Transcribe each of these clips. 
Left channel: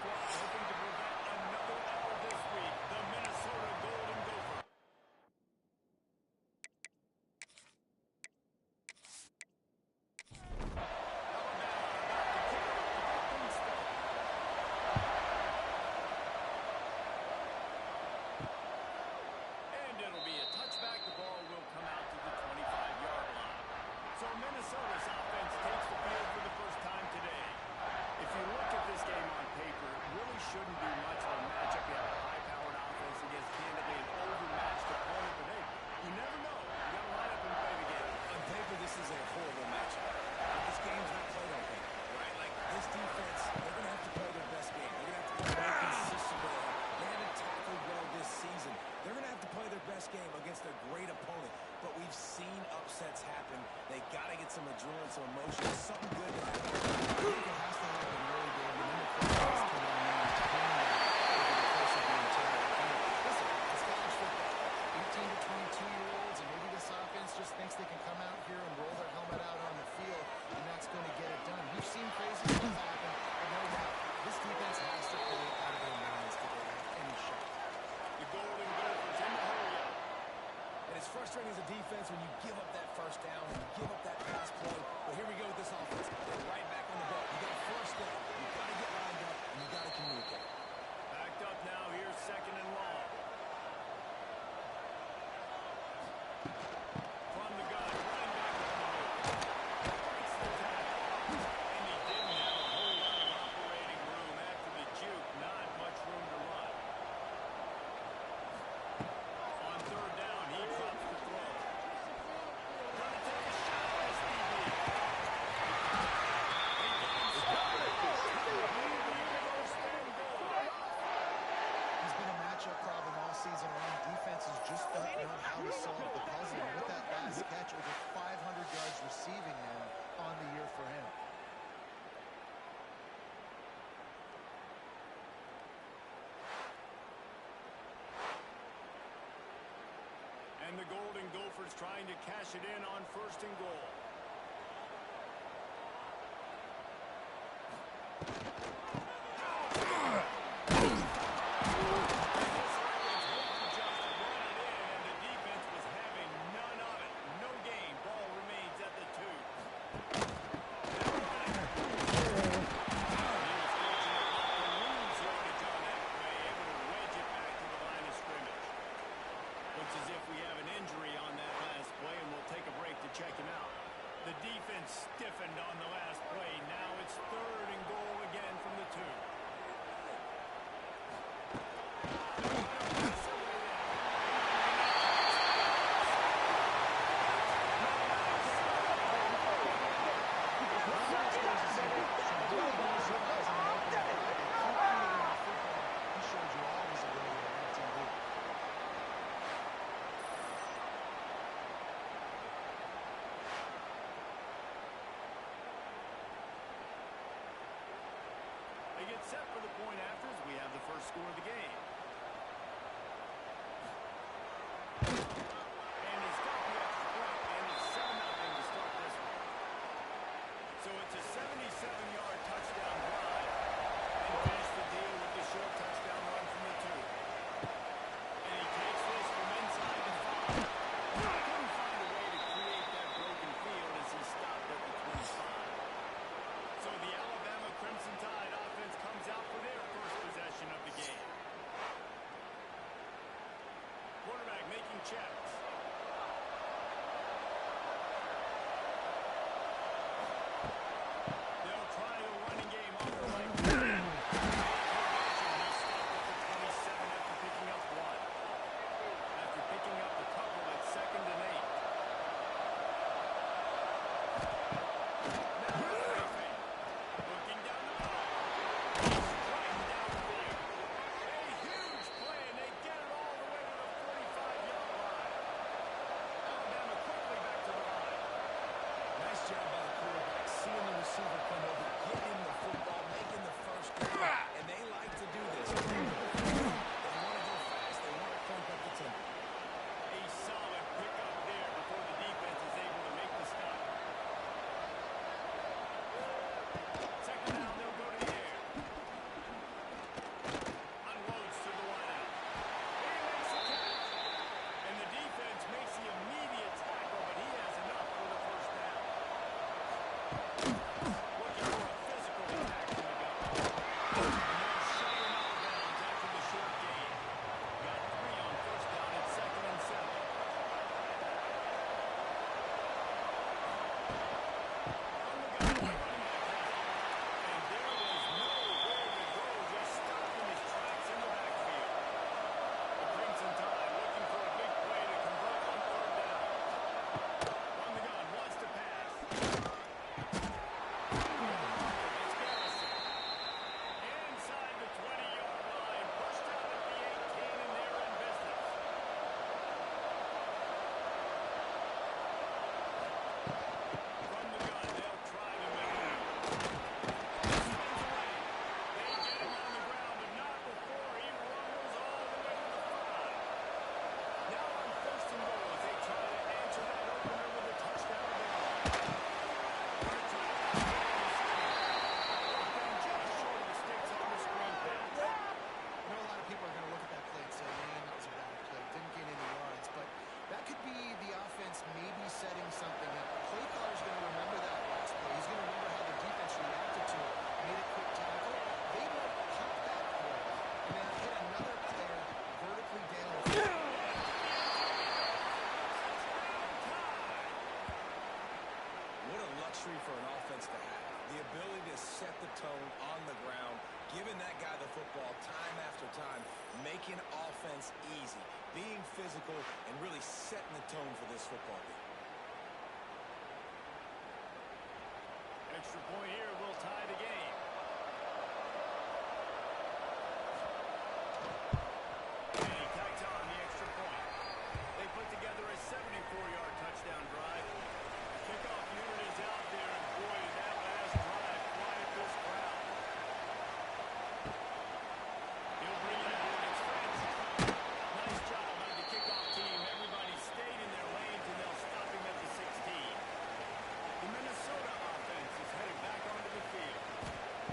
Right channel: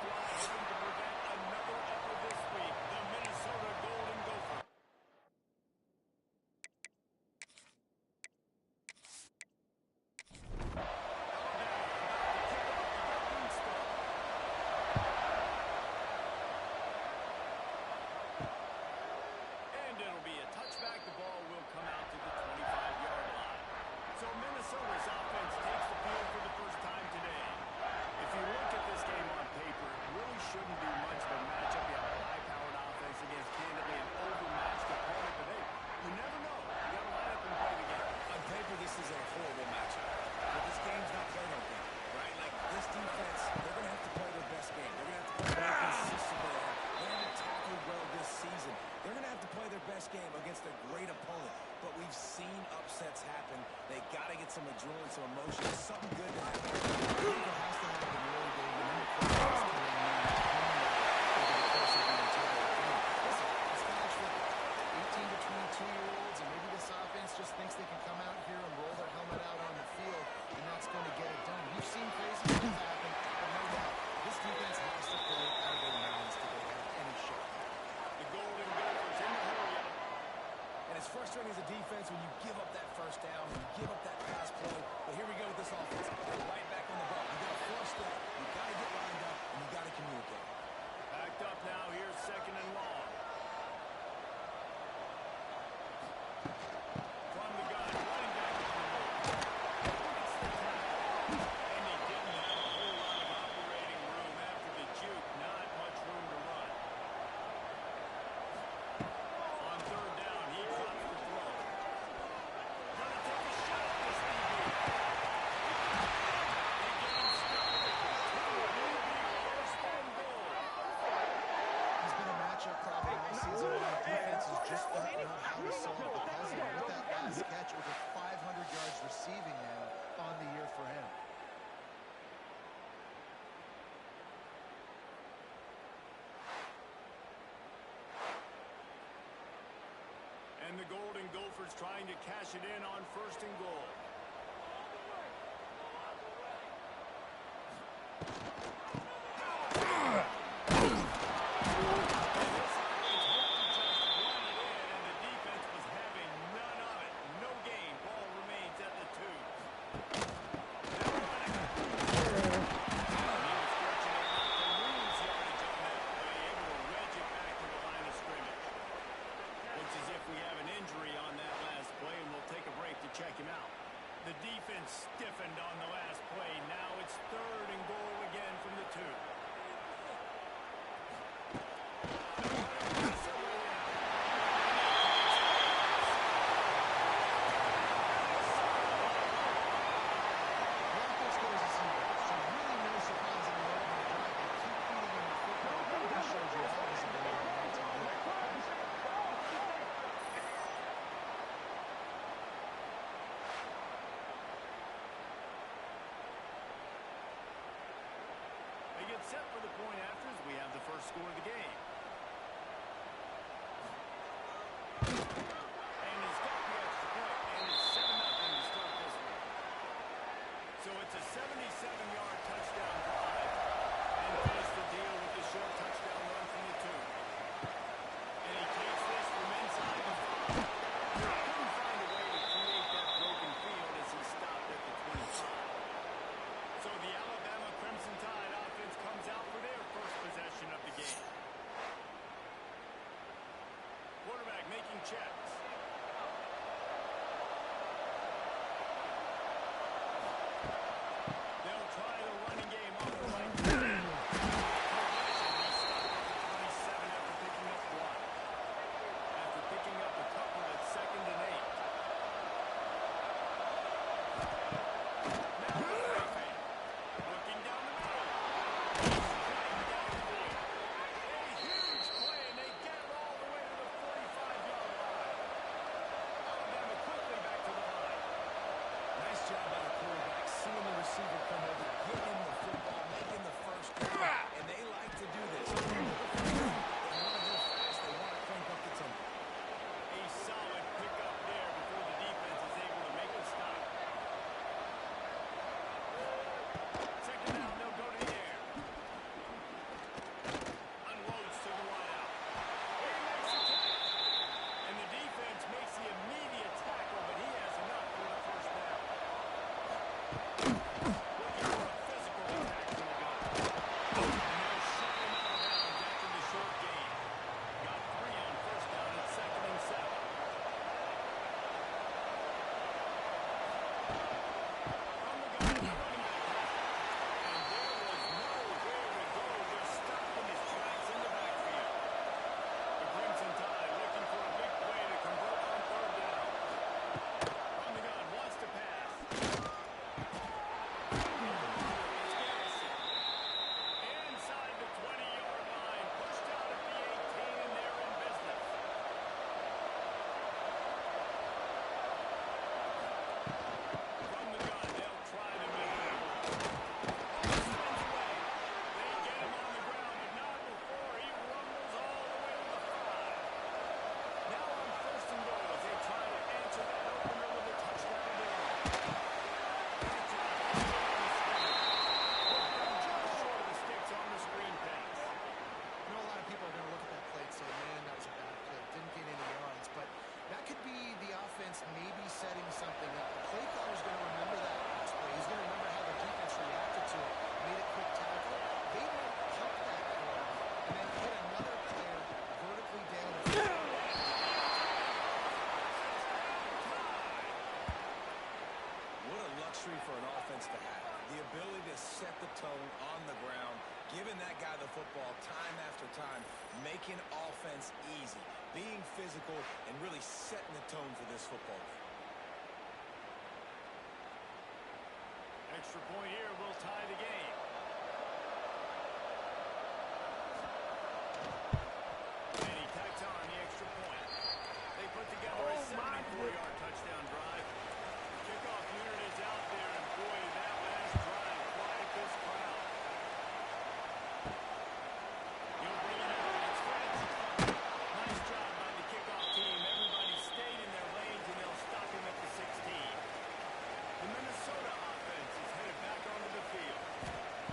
squad hoping to prevent another L this week. The Minnesota Golden Gophers. It'll be a touchback. The ball will come out to the 25-yard line. So Minnesota's offense takes the field for the first time today. If you look at this game on paper, it really shouldn't be much of a matchup. You have a high-powered offense against candidly an overmatched opponent, but hey, you never know. You got to line up and play the game. On paper, this is a horrible matchup. But this game's not played on paper, right? Like, this defense, they're going to have to play their best game. They're going to have to play very consistently. They haven't tackled well this season. They're going to have to play their best game against a great opponent. But we've seen upsets happen. They got to get some adrenaline, some emotion, something good to happen. I think it has to happen really, Dave. And then the crowds can maintain that over the course of the entire game. Listen, it's college football. 18 to 22-year-olds, and maybe this offense just thinks they can come out here and roll their helmet out on the field, and that's going to get it done. We've seen crazy things happen, but no doubt, this defense has to play out of their minds to go have any shot. The Golden Gophers in the hurry-up. And it's frustrating as a defense when you give up that first down, and you give up that pass play. But here we go with this offense. They're right back on the ball. You got to force that. You got to get lined up, and you got to communicate. Backed up now. Here's 2nd and long. From the gun, running back on the move. Breaks the tackle. And he didn't have a whole lot of operating room after the juke. Not much room to run. On 3rd down, he drops the throw. Gonna take a shot at this DB. The game started. First and goal. He's been a matchup problem all season long. Defenses just don't know how to solve the puzzle. And with that last catch, over 500 yards receiving now on the year for him. And the Golden Gophers trying to cash it in on 1st and goal. Looks as if we have an injury on that last play, and we'll take a break to check him out. The defense stiffened on the last play. Now it's 3rd and goal again from the 2. They get set for the point afters. We have the first score of the game. And he's got the extra point, and it's 7-0 to start this one. So it's a 77-yard touchdown drive, and finish the deal with the short touchdown run from the 2. And he takes this from inside the 5. Couldn't find a way to create that broken field as he stopped at the 25. So the Alabama Crimson Tide offense comes out for their first possession of the game. Quarterback making checks. They'll try the running game off the right. He stopped at the 27 after picking up 1. After picking up a couple at 2nd and 8. setting something up. The play caller is going to remember that last play. He's going to remember how the defense reacted to it. Made a quick tackle. They might pump that play and then hit another player vertically down the field. What a luxury for an offense to have. The ability to set the tone on the ground, giving that guy the football time after time, making offense easy, being physical, and really setting the tone for this football game. Extra point here will tie the game. And he tacked on the extra point. They put together a 74-yard touchdown drive. The kickoff unit is out there, and boy, did that last drive quiet this crowd. He'll bring it out. It's Francis. Nice job by the kickoff team. Everybody stayed in their lanes, and they'll stop him at the 16. The Minnesota offense is headed back onto the field.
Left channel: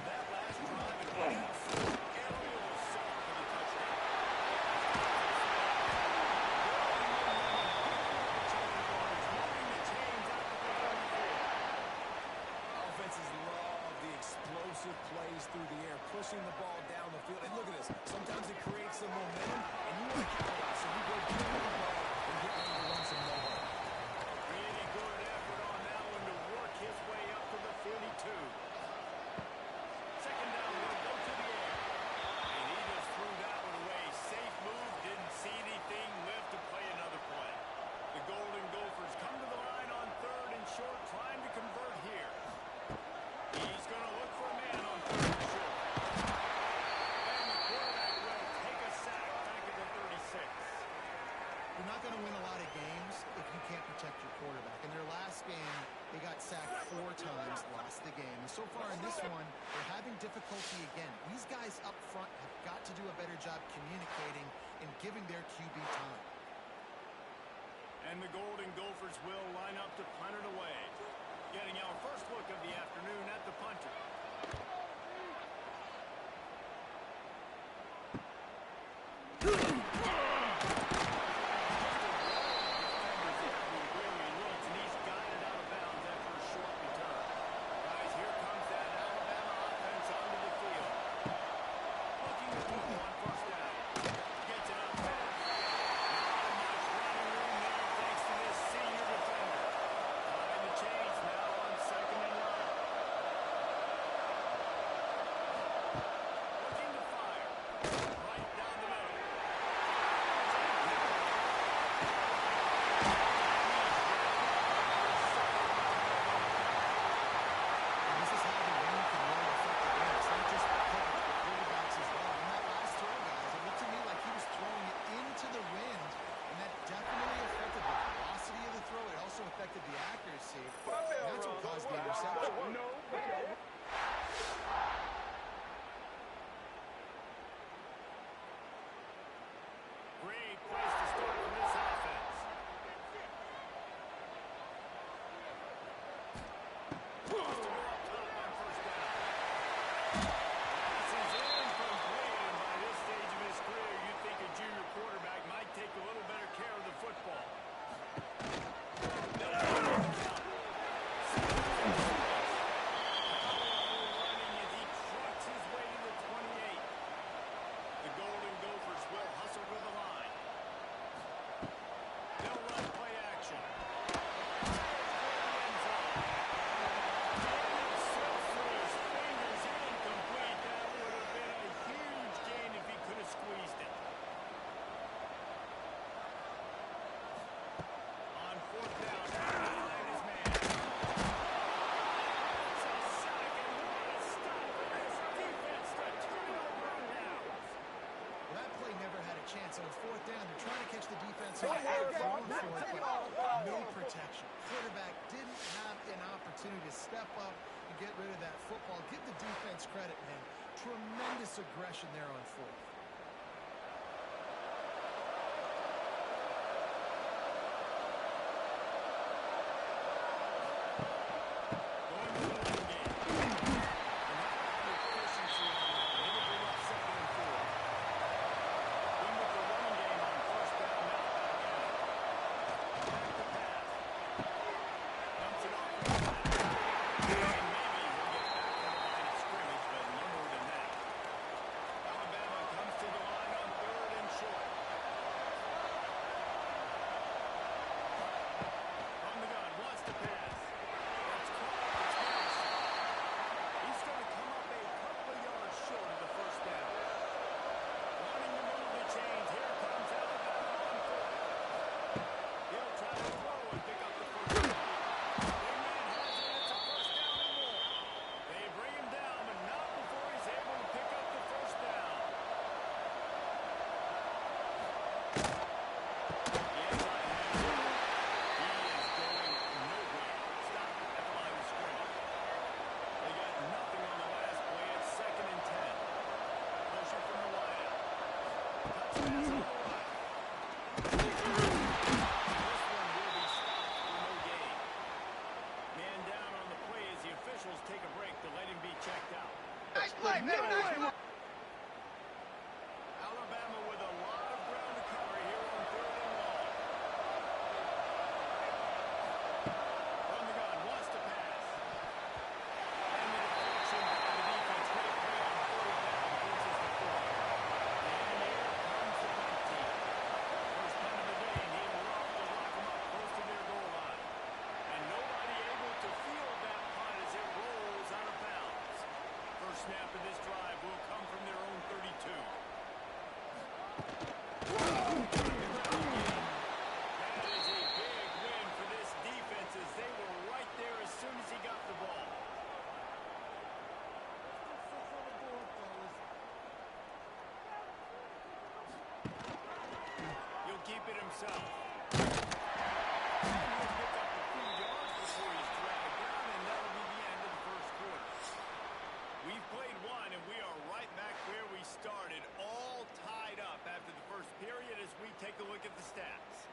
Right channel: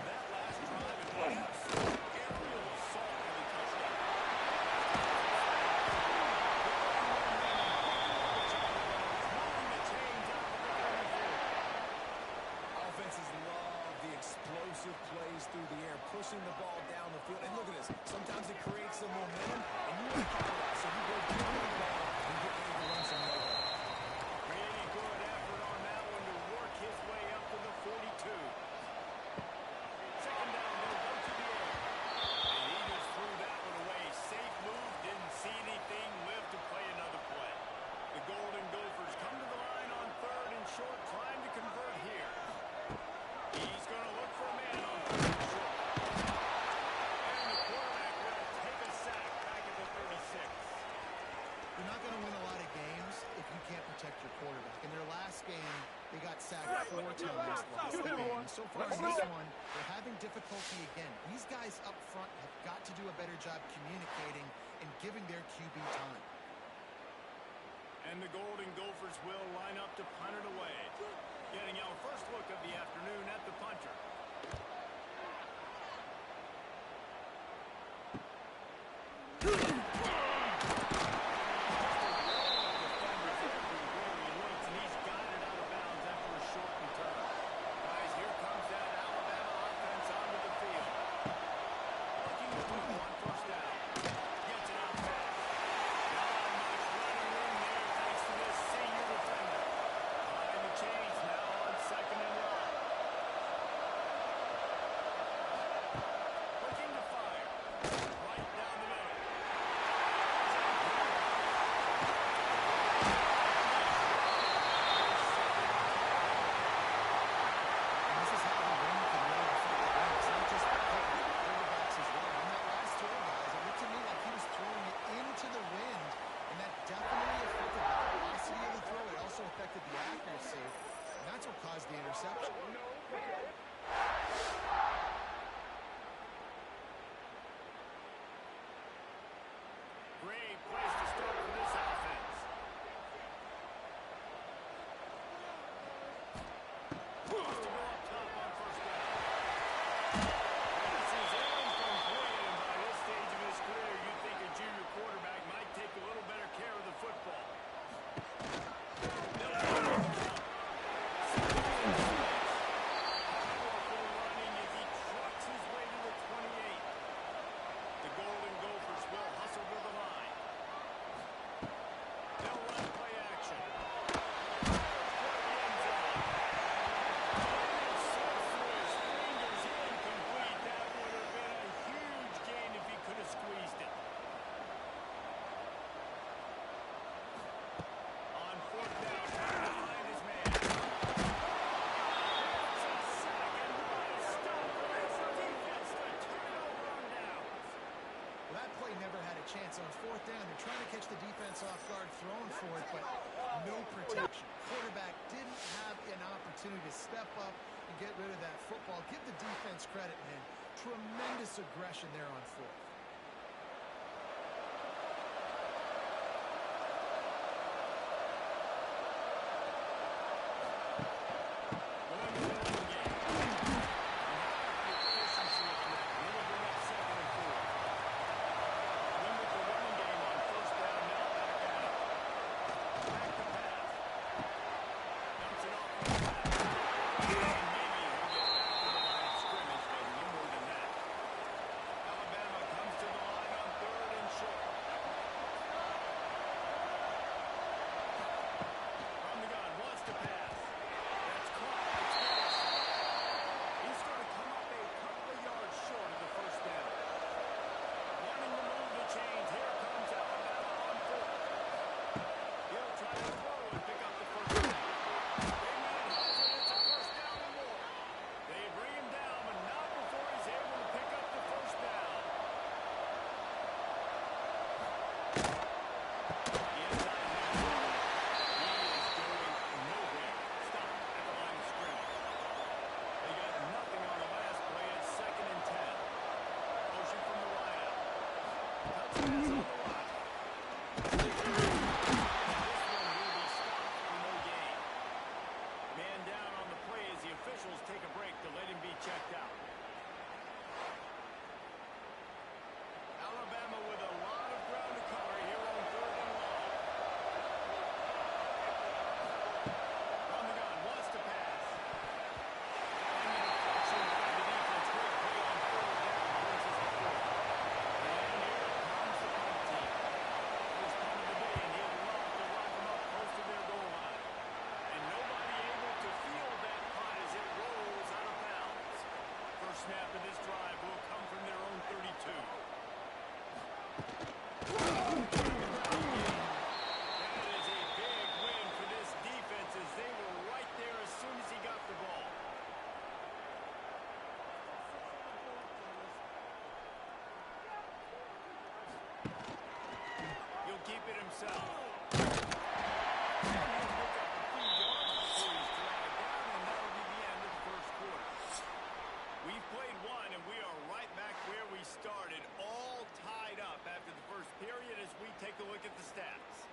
That last drive, and what else? Aerial assault for the touchdown. Offenses love the explosive plays through the air, pushing the ball down the field. And look at this. Sometimes it creates some momentum, and you want to capitalize. So you go get the ball and get ready to run some no-huddle. Really good effort on that one to work his way up to the 42. Second down, they'll go to the air. And he just threw that one away. Safe move, didn't see anything, lived to play another play. The Golden Gophers come to the line on third and short, trying to convert here. He's going to look for a man on third and short. And the quarterback will take a sack back at the 36. You're not going to win a lot of games if you can't protect your quarterback. In their last game, they got sacked 4 times, lost the game. So far in this one, they're having difficulty again. These guys up front have got to do a better job communicating and giving their QB time. And the Golden Gophers will line up to punt it away. Getting our first look of the afternoon at the punter. Affected the accuracy, and that's what caused the interception. Great place to start for this offense. Wants to go up top on first down. Pass is incomplete, and by this stage of his career, you'd think a junior quarterback might take a little better care of the football. Never had a chance on fourth down. They're trying to catch the defense off guard, throwing for it, but no protection. Quarterback didn't have an opportunity to step up and get rid of that football. Give the defense credit, man. Tremendous aggression there on fourth. Touch pass on the run. This one will be stopped for no gain. Man down on the play as the officials take a break to let him be checked out. Nice play, man. Nice. Alabama with a lot of ground to cover here on 3rd and long. From the gun, wants to pass. And the deflection by the defense. Great play on 3rd down. Brings us to 4th. And here comes the punt team. First punt of the day, and he'd love to lock them up close to their goal line. And nobody able to field that punt as it rolls out of bounds. First snap of this drive will come from their own 32. That is a big win for this defense as they were right there as soon as he got the ball. He'll keep it himself. And he'll pick up a few yards before he's dragged down, and that'll be the end of the first quarter. We've played one, and we are right back where we started, all tied up after the first period as we take a look at the stats.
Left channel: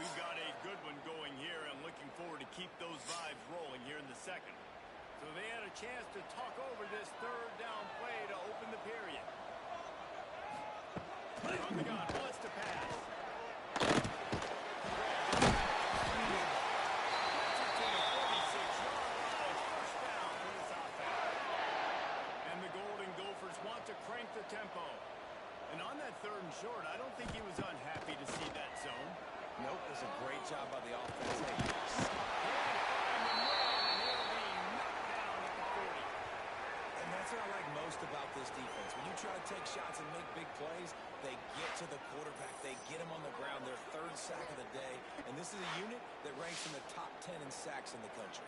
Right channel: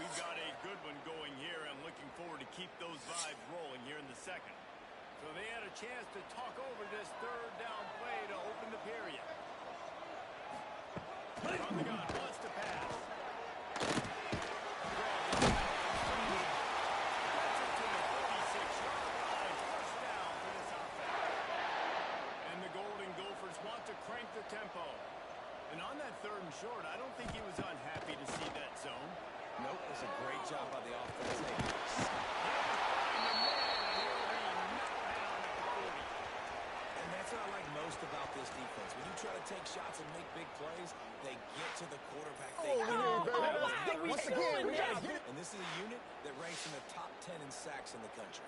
We've got a good one going here and looking forward to keep those vibes rolling here in the second. So they had a chance to talk over this 3rd down play to open the period. From the gun, wants to pass. Want to crank the tempo. And on that 3rd and short, I don't think he was unhappy to see that zone. Nope, it's a great job by the offense. Hey, can't find the man, and he'll be knocked down at the 40. and that's what I like most about this defense. When you try to take shots and make big plays, they get to the quarterback. They get him on the ground. They're 3 sacks a game. And this is a unit that ranks in the top 10 in sacks in the country.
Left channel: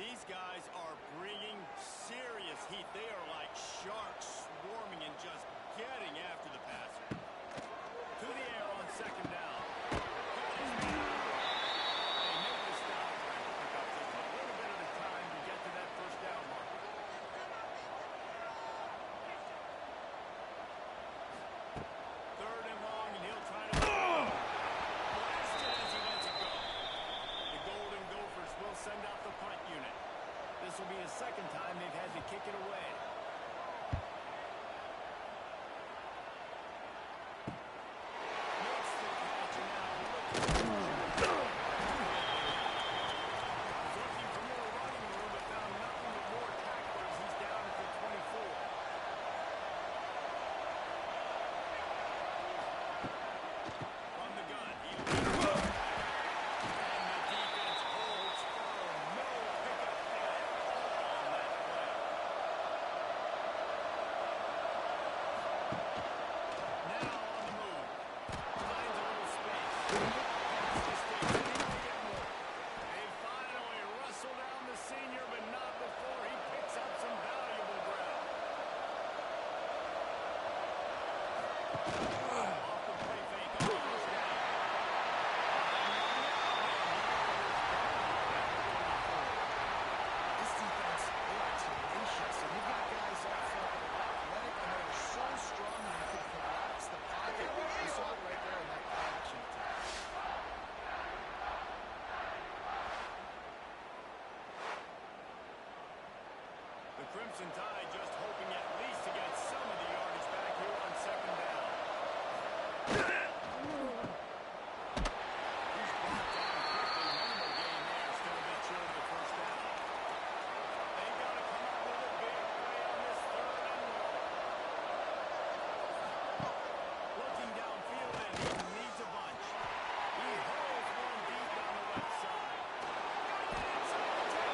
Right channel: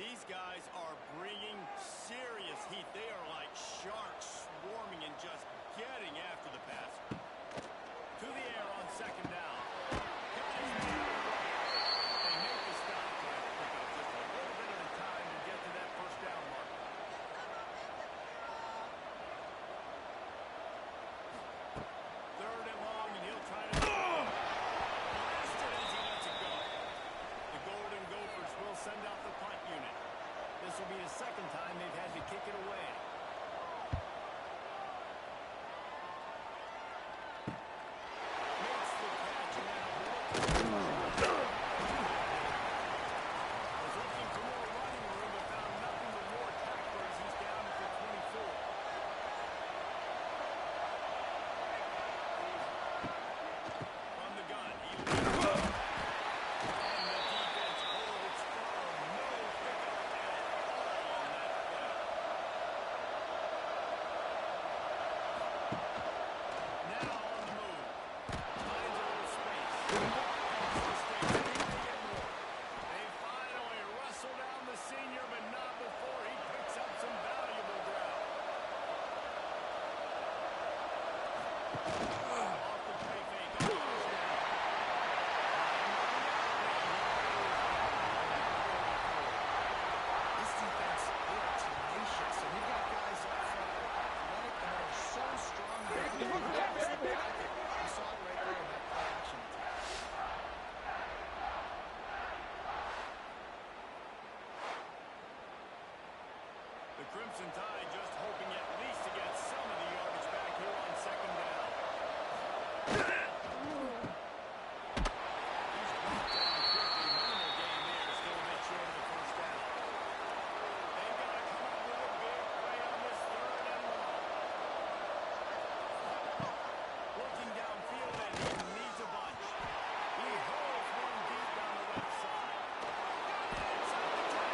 These guys are bringing serious heat. They are like sharks swarming and just getting after the passer. To the air on 2nd down. Got his man on the right. They make the stop, trying to pick up just a little bit at a time to get to that 1st down marker. 3rd and long, and he'll try to blast it as he lets it go. The Golden Gophers will send out the punt unit. This will be the 2nd time they've had to kick it away. Makes the catch, and now I was looking for more running room, but found nothing but more tacklers. He's down at the 24. From the gun, he leads. And the defense holds firm. No pickup at all on that play. Now on the move. Finds a little space. Has to stay ready to get more. They finally wrestle down the senior, but not before he picks up some valuable ground. Off the play fake. On the first down. This defense, they are tenacious. And you've got guys up front that are athletic and that are so strong that they can relax the pocket. You saw it right there in that play action attack. The Crimson Tide just hoping at least to get some of the yardage back here on 2nd down. He's brought down quickly. Minimal gain there. Still a bit short of the 1st down. They've got to come up with a big play on this 3rd and long. Looking downfield, and he needs a bunch. He holds one deep down the left side. Got it inside the 10.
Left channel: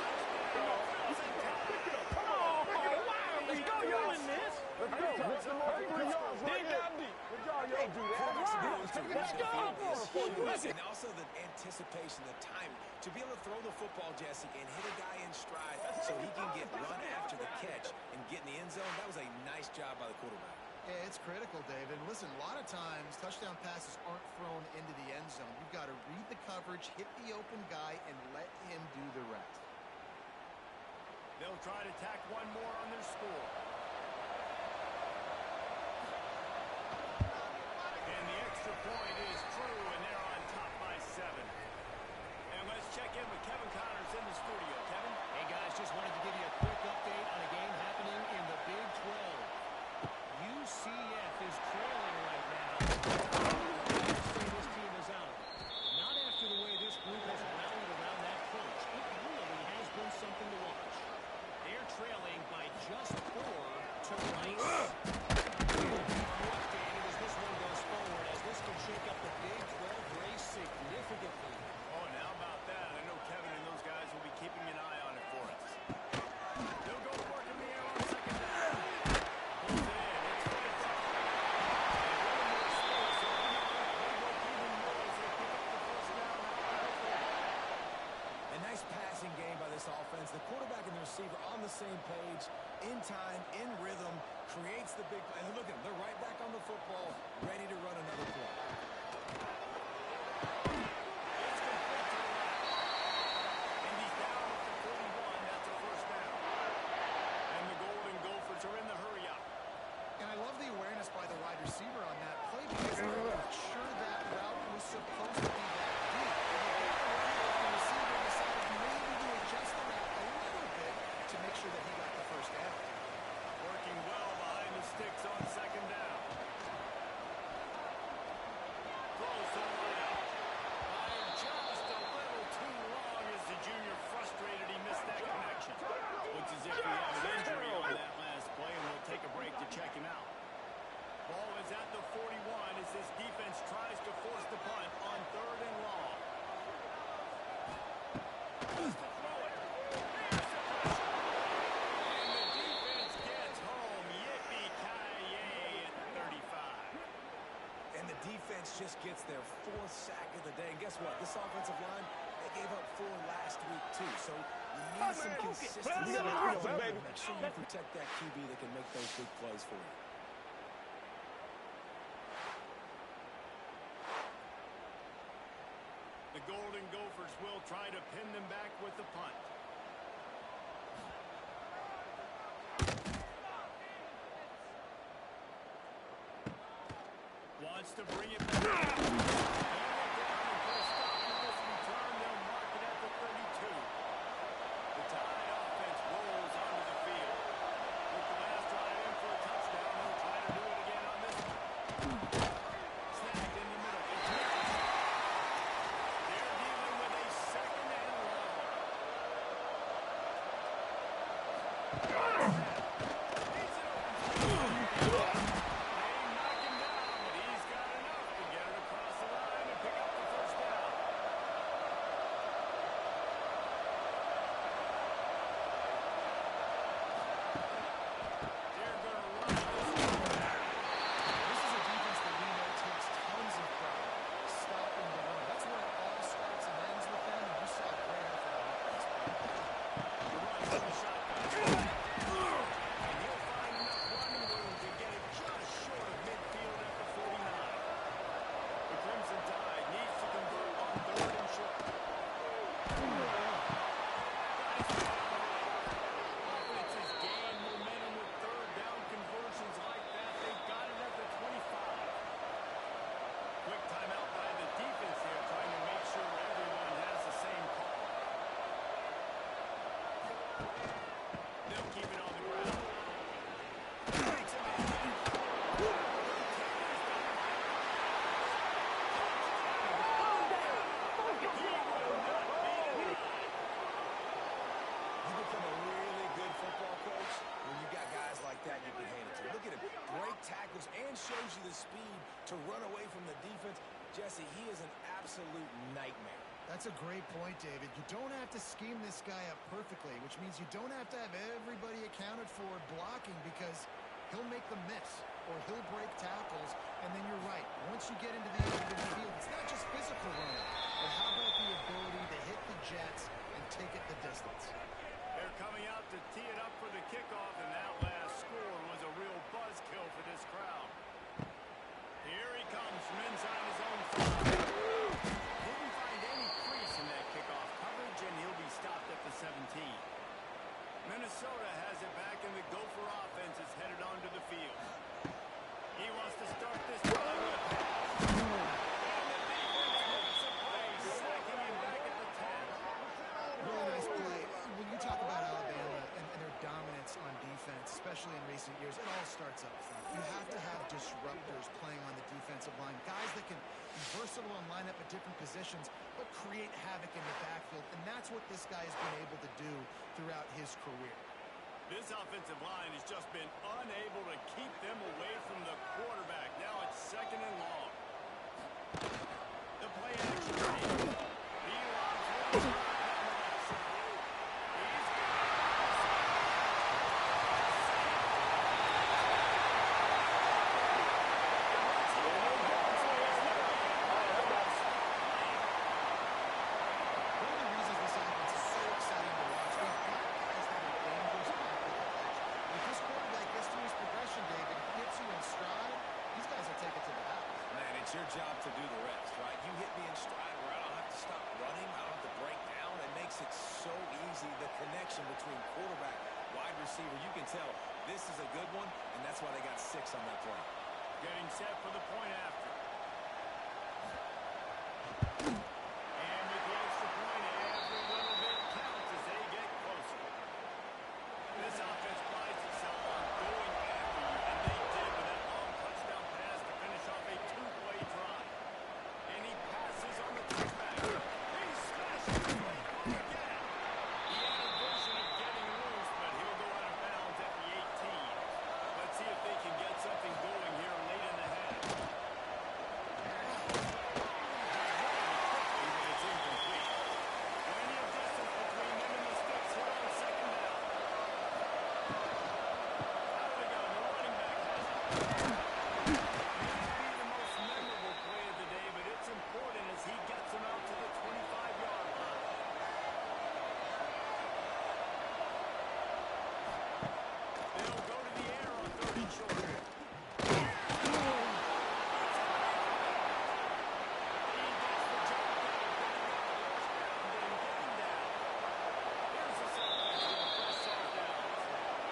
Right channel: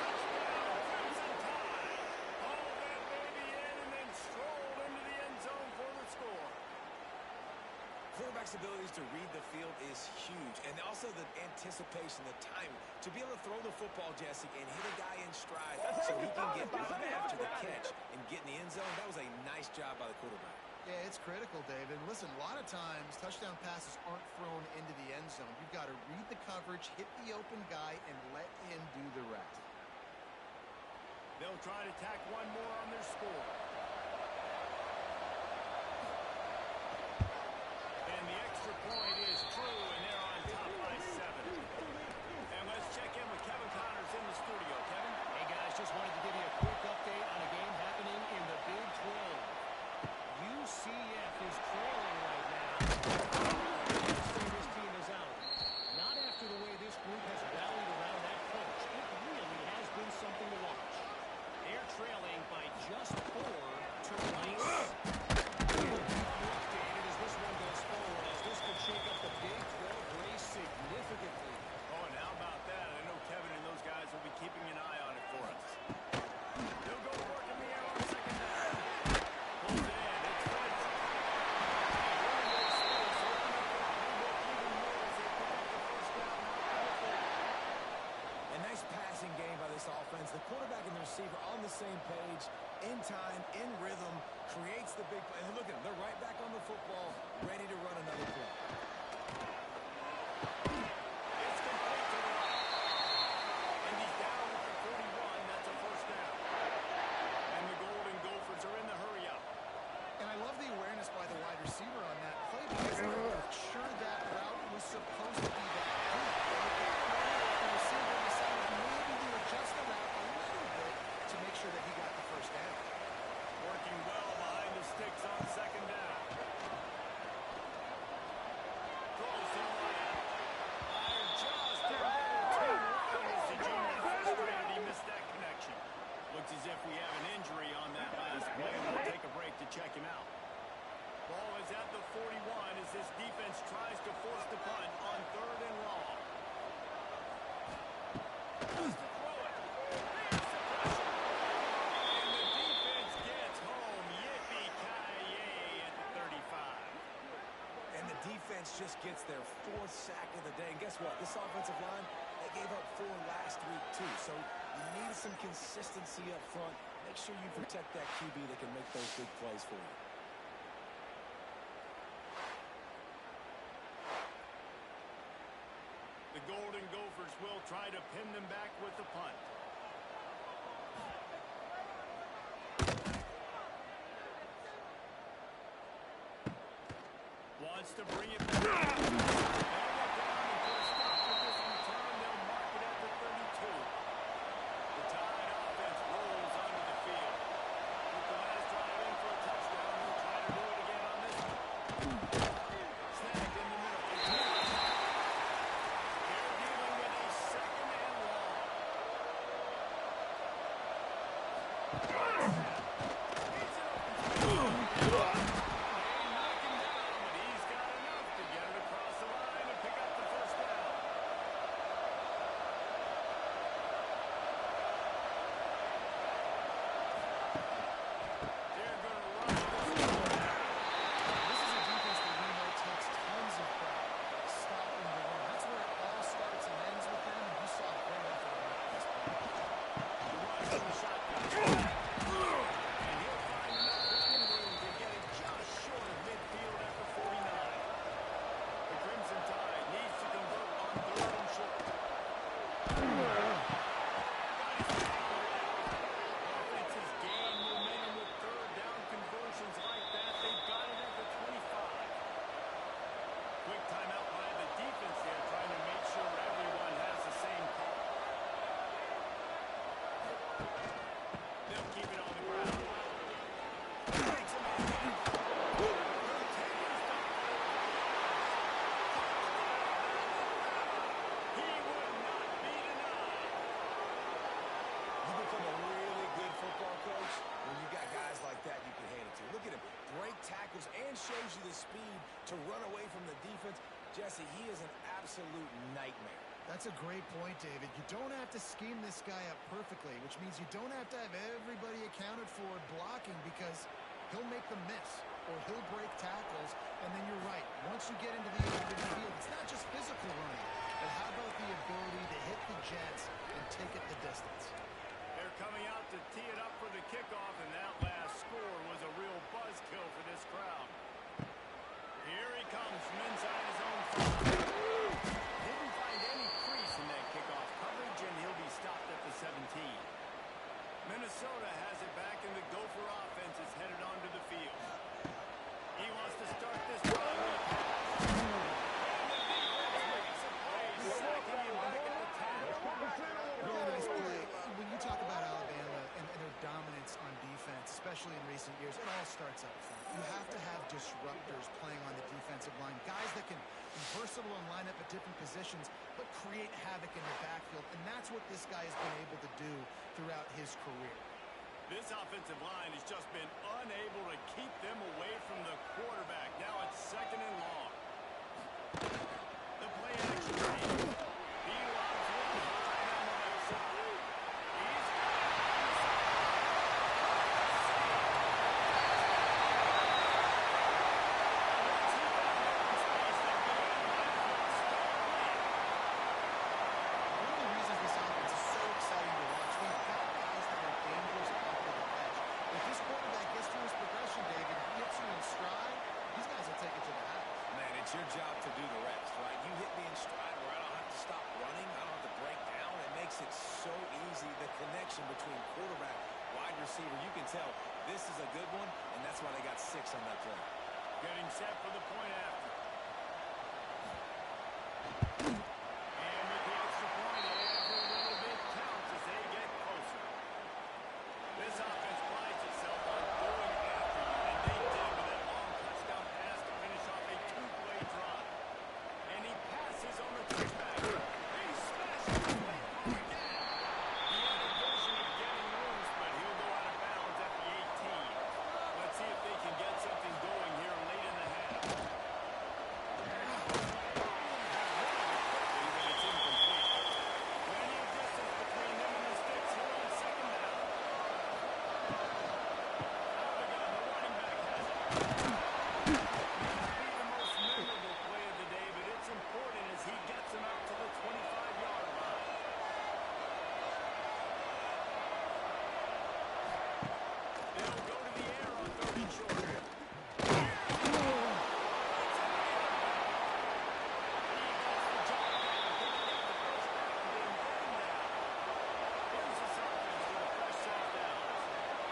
Touchdown, Crimson Tide. Oh, my baby, Edmund strolled into the end zone for a score. Quarterback's ability to read the field is huge, and also the anticipation, the timing. To be able to throw the football, Jesse, and hit a guy in stride so he can get run after the catch and get in the end zone, that was a nice job by the quarterback. Yeah, it's critical, David. And listen, a lot of times touchdown passes aren't thrown into the end zone. You've got to read the coverage, hit the open guy, and let him do the rest. They'll try to tack one more on their score. And the extra point is true, and they're on top by 7. And let's check in with Kevin Connors in the studio. Kevin? Hey, guys, just wanted to give you a quick update on a game happening in the Big 12. UCF is trailing right now. I'd say this team is out. Not after the way this group has rallied around that coach. It really has been something to watch. They're trailing by just 4 to Rice. We'll keep you updated as this one goes forward, as this could shake up the Big 12 race significantly. Oh, and how about that? I know Kevin and those guys will be keeping an eye on it for us. They'll go to work in the air on second down. Pulls it in. It's Francis. And really more space. Open up their playbook even more as they pick up the first down out to the 30. A nice passing game by this offense. The quarterback and the receiver on the same page, in time, in rhythm, creates the big play. And look at them. They're right back on the football, ready to run another play. It's complete to the right. And he's down at the 41. That's a first down. And the Golden Gophers are in the hurry up. And I love the awareness by the wide receiver on that play because they were sure that route was supposed to be that deep. And you got to wonder if the receiver decided maybe to adjust the route a little bit to make sure that he got the first down. Working well behind the sticks on second down. Throws to the right. Fired just a little too long as the junior frustrated he missed that connection. Looks as if we have an injury on that last play, and we'll take a break to check him out. Ball is at the 41 as this defense tries to force the punt on 3rd and long. Just to throw it. There's the pressure. And the defense gets home. Yippee-ki-yay at the 35. And the defense just gets their 4th sack of the day. And guess what? This offensive line, they gave up 4 last week, too. So you need some consistency up front. Make sure you protect that QB that can make those big plays for you. The Golden Gophers will try to pin them back with the punt. Wants to bring it back. They'll get down and put a stop to this return. They'll mark it at the 32. The Tide offense rolls onto the field. With the last drive in for a touchdown, they'll try to do it again on this one. Snagged in the middle. They're dealing with a 2nd and long. He's an open field. They knock him down, but he's got enough to get it across the line and pick up the first down. They're going to run this one back. This is a defense that we know takes tons of pride stopping the run. That's where it all starts and ends with them, and you saw a great effort on that last play. The run from the shotgun. And he'll find enough running room to get it just short of midfield at the 49. The Crimson Tide needs to convert on 3rd and short. Got his man on the right. Offenses gain momentum with 3rd down conversions like that. They've got it at the 25. Quick timeout by the defense there, trying to make sure everyone has the same call. They'll keep it on the ground. Breaks him in again. Continues to fight for yards. Touchdown. He will not be denied. You become a really good football coach when you got guys like that you can hand it to. Look at him. Break tackles and shows you the speed to run away from the defense. Jesse, he is an absolute nightmare. That's a great point, David. You don't have to scheme this guy up perfectly, which means you don't have to have everybody accounted for blocking because he'll make them miss or he'll break tackles. And then you're right. Once you get into the open field, it's not just physical running, but how about the ability to hit the jets and take it the distance? They're They're coming out to tee it up for the kickoff, and that last score was a real buzzkill for this crowd. Here he comes from inside his own 5. Didn't find any crease in that kickoff coverage, and he'll be stopped at the 17. Minnesota has it back, and the Gopher offense is headed onto the field. He wants to start this drive with a pass. And the defense makes a play, sacking him back at the 10. Really nice play. When you talk about Alabama and their dominance on defense, especially in recent years, it all starts up front. You have to have disruptors playing on the defensive line, guys that can be versatile and line up at different positions, but create havoc in the backfield, and that's what this guy has been able to do throughout his career. This offensive line has just been unable to keep them away from the quarterback. Now it's 2nd and long. The play action team. He lobs one wide on the left side. He's got it on the sideline. Once he found open space, the band might as well stop playing. One of the reasons this offense is so exciting to watch, they've got guys that are dangerous after the catch. If this quarterback gets through his progression, David, hits you in stride, these guys will take it to the house. Man, it's your job to do the rest, right? You hit me in stride where I don't have to stop running. I don't have to break down. It makes it so easy. The connection between quarterback, wide receiver, you can tell this is a good one, and that's why they got 6 on that play. Getting set for the point after. And with the extra point, every little bit counts as they get closer. This offense prides itself on going after you, and they did with that long touchdown pass to finish off a 2-play drive. And he passes on the touchback. He smashes the play through again. He had a vision of getting loose, but he'll go out of bounds at the 18. Let's see if they can get something going here late in the half. Running it quickly, but it's incomplete. Plenty of distance between them and the sticks here on 2nd down. Out of the gun, the running back has it. May not be the most memorable play of the day, but it's important as he gets them out to the 25-yard line. They'll go to the air on 3rd and short. He gets the job done, picking up the first down, then getting down. Here's this offense with a fresh set of downs.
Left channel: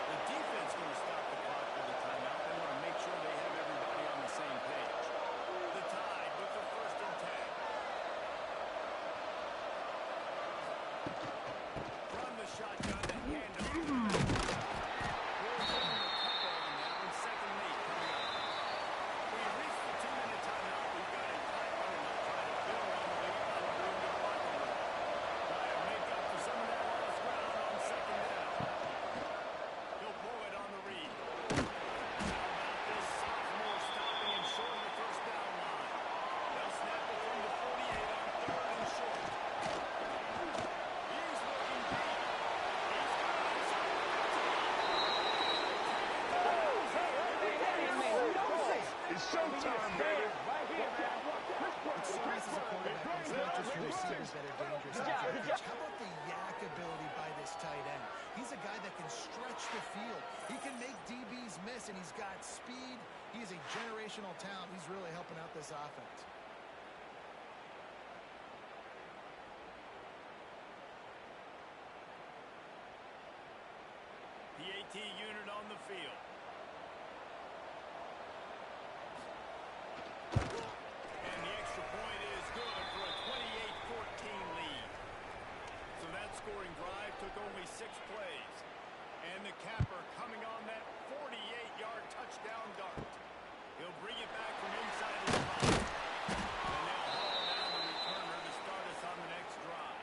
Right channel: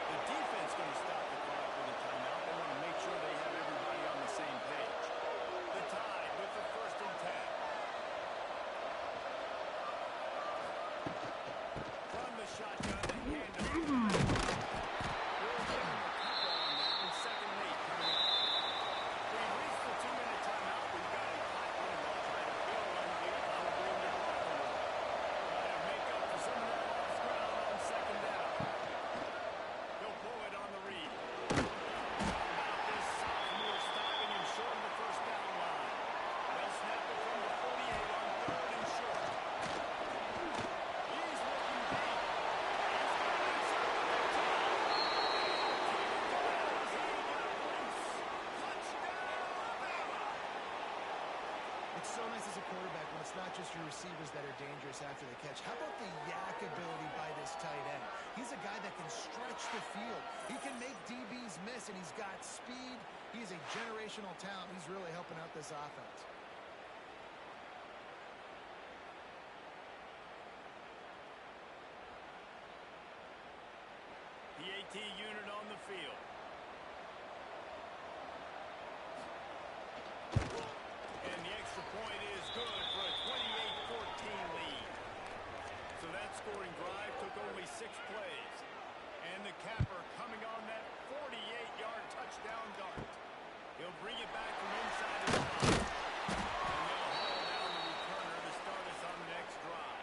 The defense going to stop the clock with a timeout. They want to make sure they have everybody on the same page. The Tide with the 1st and 10. From the shotgun, the handoff. We'll give him a couple on that one. 2nd and 8 coming up. We've reached the 2-minute timeout. We've got a tight one, and they'll try to build on the lead on the room to the locker room. Try to make up for some of that lost ground on 2nd down. He'll pull it on the read. How about this sophomore stopping and short of the 1st down line? They'll snap it from the 48 on 3rd and short. He's looking deep. He's got it inside the 15. It's so nice as a quarterback when it's not just your receivers that are dangerous after the catch. How about the yak ability by this tight end? He's a guy that can stretch the field. He can make DBs miss, and he's got speed. He's a generational talent. He's really helping out this offense. PAT unit on the field. And the extra point is good for a 28-14 lead. So that scoring drive took only 6 plays. And the capper coming on that 48-yard touchdown dart. He'll bring it back from inside his 5. And they'll haul down the returner to start us on the next drive.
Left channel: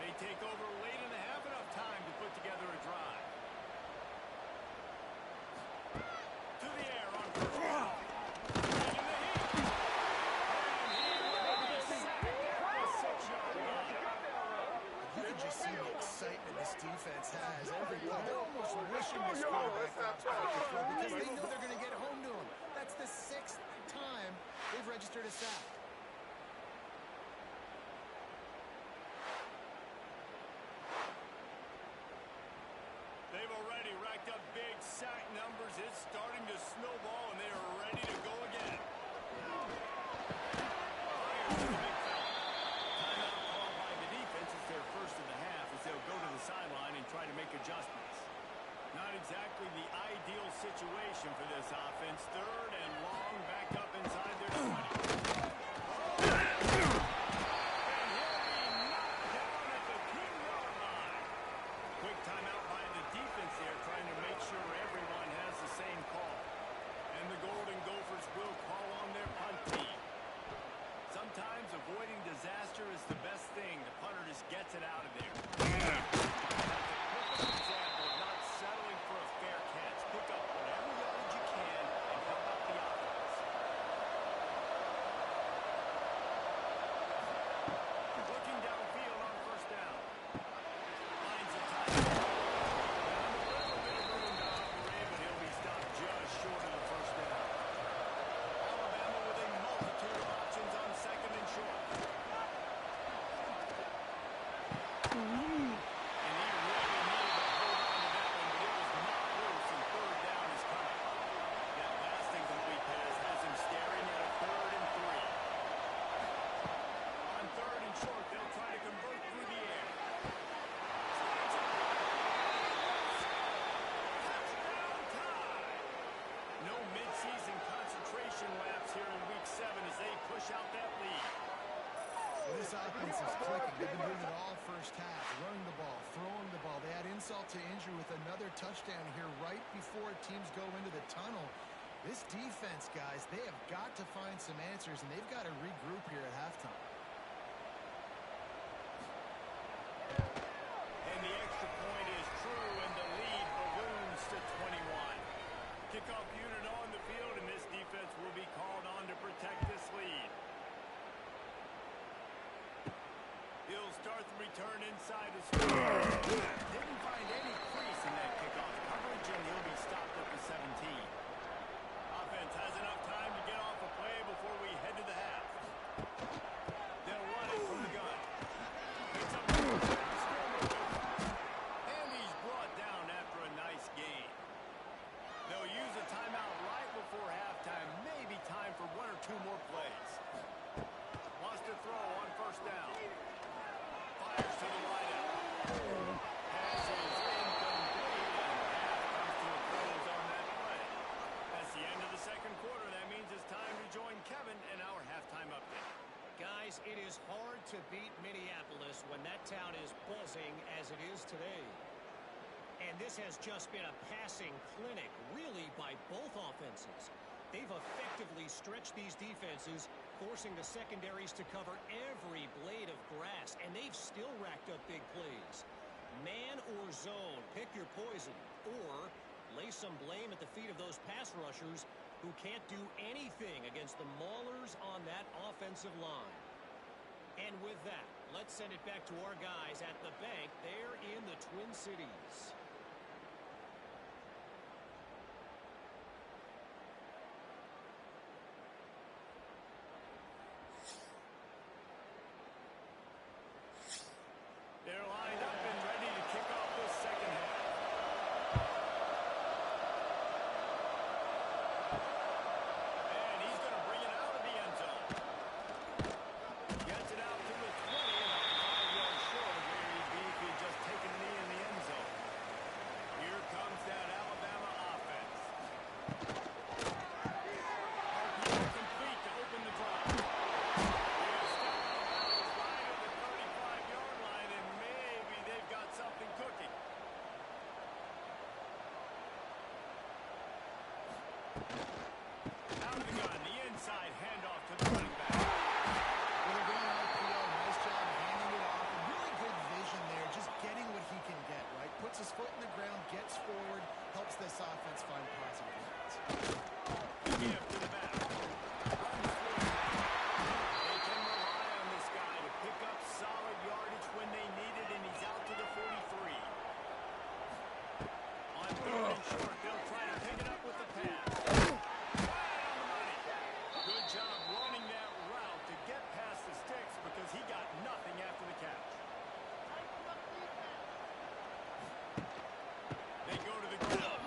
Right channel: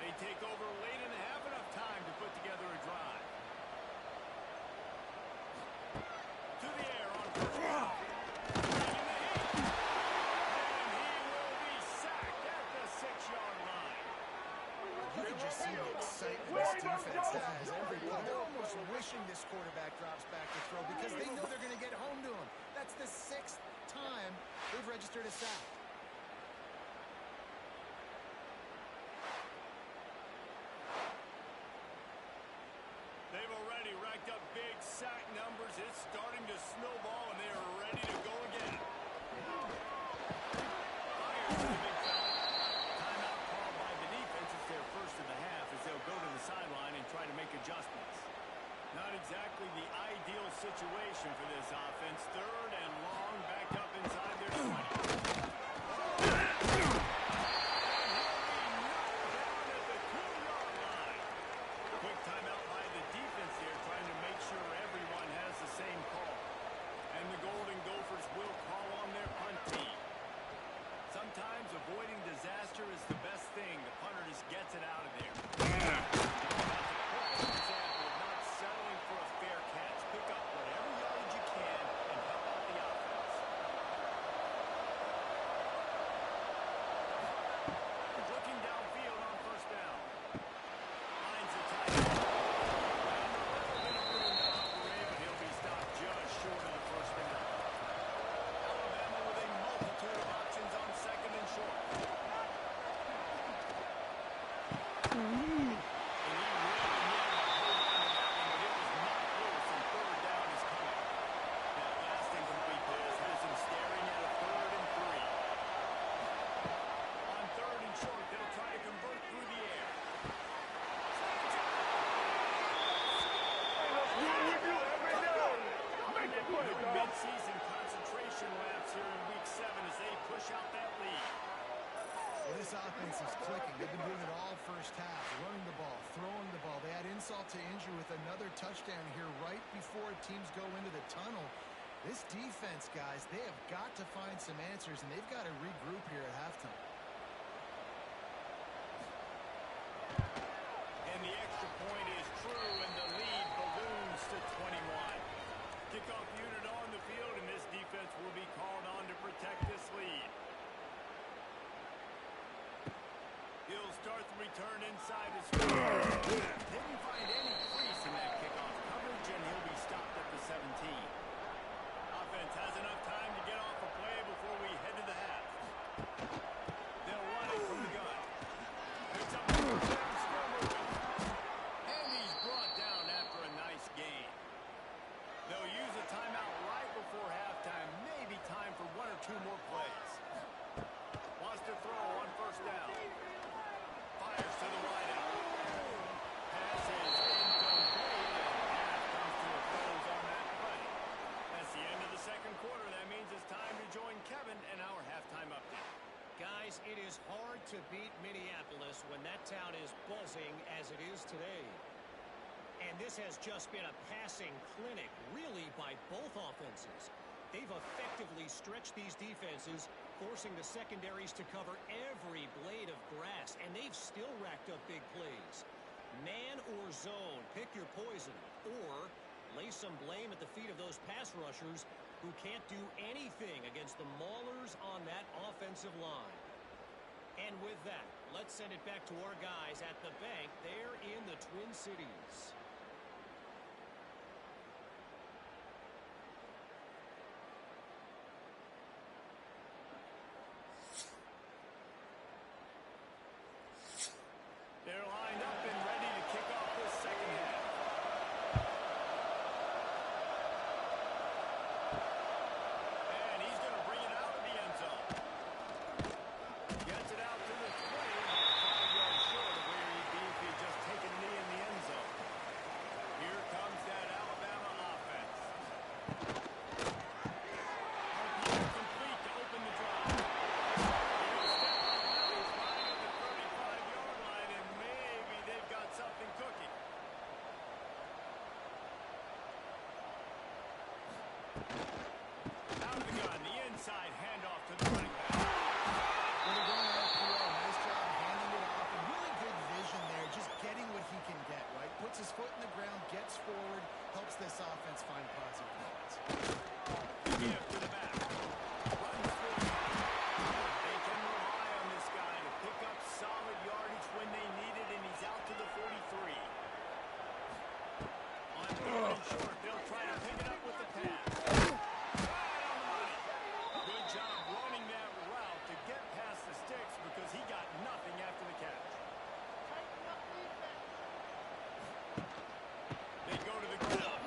They take over late in the half, enough time to put together a drive. To the air on 1st down. Bringing the heat. And he will be sacked at the 6-yard line. You can just see the excitement this defense has every play. They're almost wishing this quarterback drops back to throw because they know they're going to get home to him. That's the 6th time they've registered a sack. racked up big sack numbers. It's starting to snowball, and they are ready to go again. Fires to the big fella. Timeout called by the defense. It's their first of the half as they'll go to the sideline and try to make adjustments. Not exactly the ideal situation for this offense. Third and long, back up inside their 20. And he'll be knocked down at the 2-yard line. Quick timeout by the defense here, trying to make sure everyone has the same call. And the Golden Gophers will call on their punt team. Sometimes avoiding disaster is the best thing. The punter just gets it out of there. That's a perfect example of not settling for a fair catch. Pick up whatever yardage you can and help out the offense. Looking downfield on first down. Finds a tight end. Found a little bit of room to operate, but he'll be stopped just short of the first down. Alabama with a multitude of options on second and short. And he really needed to hold on to that one, but it was knocked loose, and third down is coming. That last incomplete pass has him staring at a 3rd and 3. On 3rd and short, they'll try to convert through the air. No midseason concentration laps here in Week 7 as they push out that lead. Well, this offense is clicking. They've been doing it all first half, running the ball, throwing the ball. They add insult to injury with another touchdown here right before teams go into the tunnel. This defense, guys, they have got to find some answers, and they've got to regroup here at halftime. And the extra point is true, and the lead balloons to 21. Kickoff unit on the field, and this defense will be called on to protect this lead. He'll start the return inside his field. Didn't find any crease in that kickoff coverage, and he'll be stopped at the 17. Offense has enough time to get off a play before we head to the half. They'll run it from the gun. Picks up the first down, still moving. And he's brought down after a nice gain. They'll use a timeout right before halftime. Maybe time for 1 or 2 more plays. Wants to throw on first down. Fires to the wideout. Pass is incomplete, and half comes to a close on that play. That's the end of the second quarter. That means it's time to join Kevin in our halftime update. Guys, it is hard to beat Minneapolis when that town is buzzing as it is today. And this has just been a passing clinic, really, by both offenses. They've effectively stretched these defenses, forcing the secondaries to cover every blade of grass, and they've still racked up big plays. Man or zone, pick your poison, or lay some blame at the feet of those pass rushers who can't do anything against the maulers on that offensive line. And with that, let's send it back to our guys at the bank there in the Twin Cities. They're lined up and ready to kick off this second half. And he's going to bring it out of the end zone. Gets it out to the 20, about 5 yards short of where he'd be if he'd just taken a knee in the end zone. Here comes that Alabama offense. RPO complete to open the drive. He'll step out of bounds right at the 35-yard line, and maybe they've got something cooking. Out of the gun, the inside handoff to the running back. Well, they're going RPO. Nice job handing it off, and really good vision there, just getting what he can get, right? Puts his foot in the ground, gets forward, helps this offense find positive lines. Give to the back. Runs through it. They can rely on this guy to pick up solid yardage when they need it, and he's out to the 43. On 3rd and short, they'll try to pick it up with the pass. Right on the money. Good job running that route to get past the sticks because he got nothing after the catch. They go to the ground.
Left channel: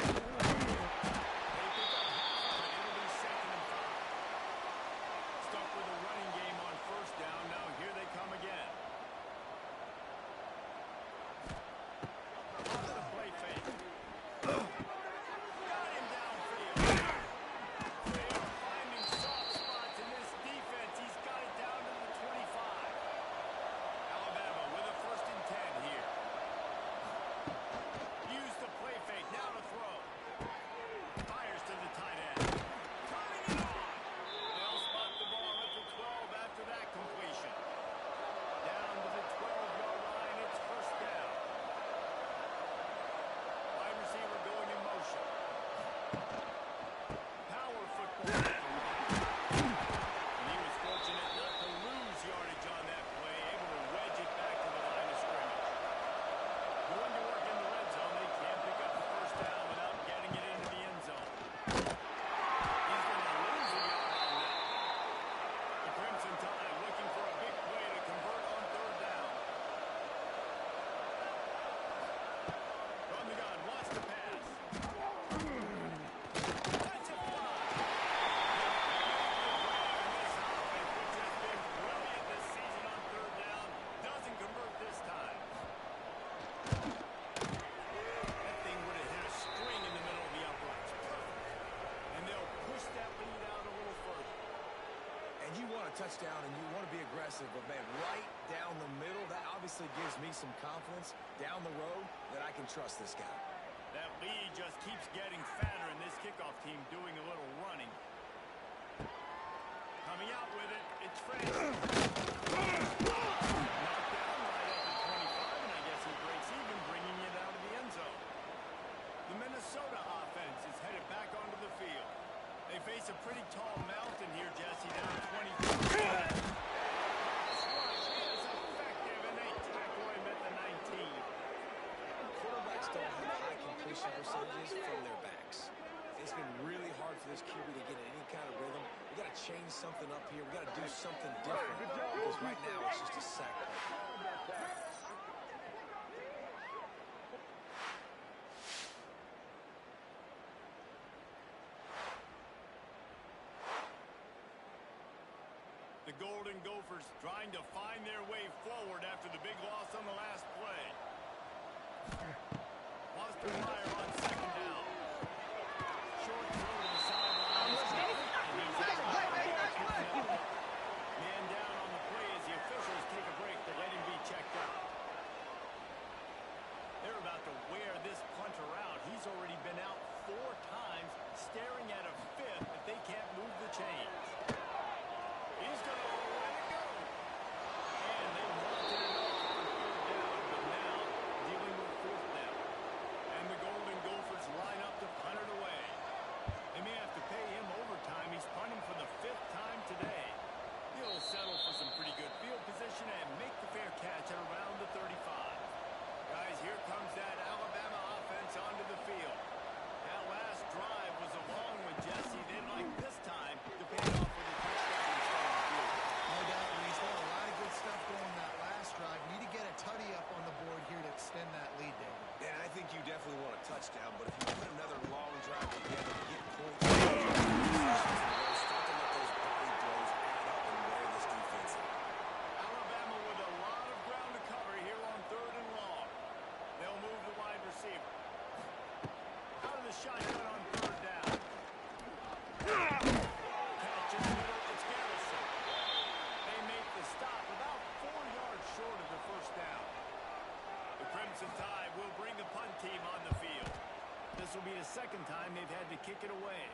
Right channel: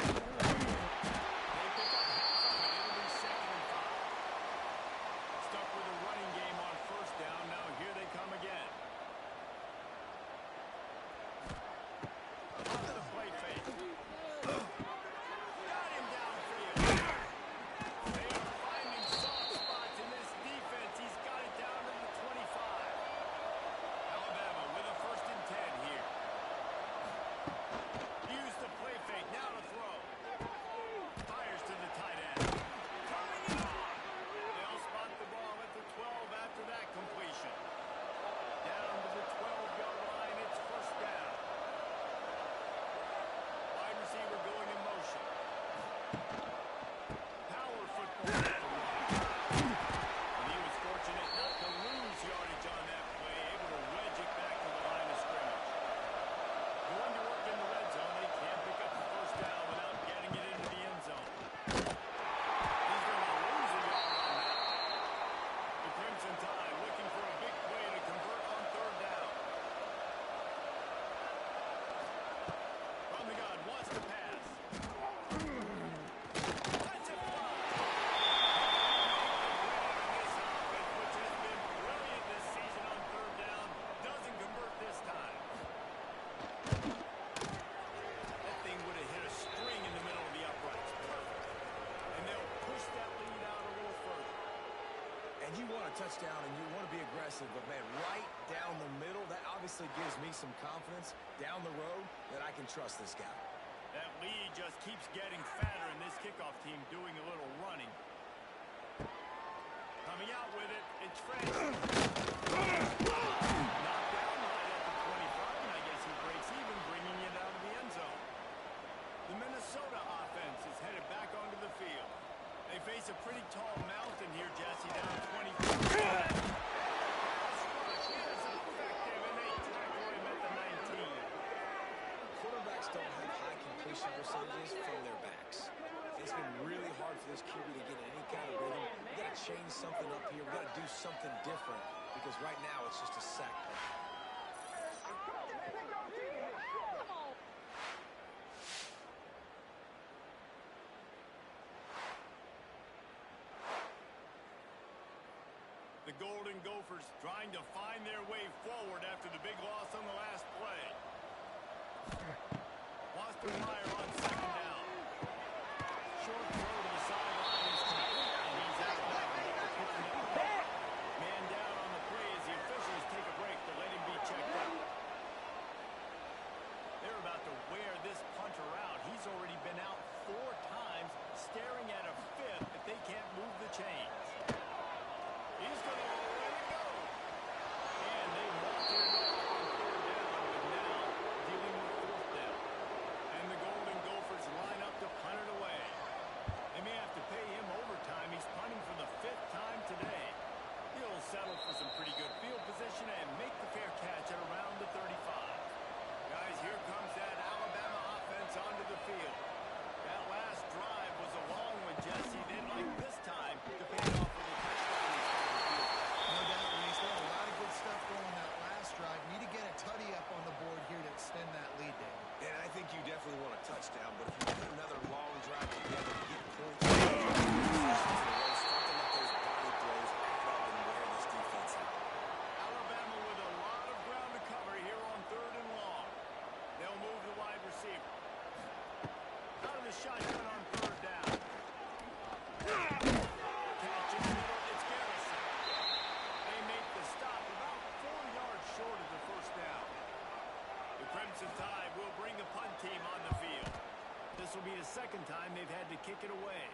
And you want a touchdown and you want to be aggressive, but, man, right down the middle, that obviously gives me some confidence down the road that I can trust this guy. That lead just keeps getting fatter, and this kickoff team doing a little running. Coming out with it, it's Francis. Knocked down right at the 25, and I guess he breaks even, bringing it out of the end zone. The Minnesota offense is headed back onto the field. They face a pretty tall mountain here, Jesse, down 24. Pass rush is effective, and they tackle him at the 19. Quarterbacks don't have high completion percentages from their backs. It's been really hard for this QB to get in any kind of rhythm. We got to change something up here. We got to do something different because right now it's just a sack play. The Golden Gophers trying to find their way forward after the big loss on the last play. Wants to fire on second down. Short throw to the sideline is complete, and he's out of bounds. Man down on the play as the officials take a break to let him be checked out. They're about to wear this punter out. He's already been out 4 times, staring at a 5th if they can't move the chains. He's going to let it go. And they wanted it all on 3rd down, but now dealing with 4th down. And the Golden Gophers line up to punt it away. They may have to pay him overtime. He's punting for the 5th time today. He'll settle for some pretty good field position and make the fair catch at around the 35. Guys, here comes that Alabama offense onto the field. That last drive was a long one, Jesse. They'd like this time to pay it off with a touchdown instead of a field goal. No doubt, Luis. They had a lot of good stuff going that last drive. Need to get a tutty up on the board here to extend that lead, David. And I think you definitely want a touchdown, but if you put another long drive together to get points, start to let those body blows add up and wear this defense out. Alabama with a lot of ground to cover here on 3rd and long. They'll move the wide receiver. Out of the shotgun on 3rd down. Catch in the middle, it's Garrison. They make the stop about 4 yards short of the 1st down. The Crimson Tide will bring the punt team on the field. This will be the 2nd time they've had to kick it away.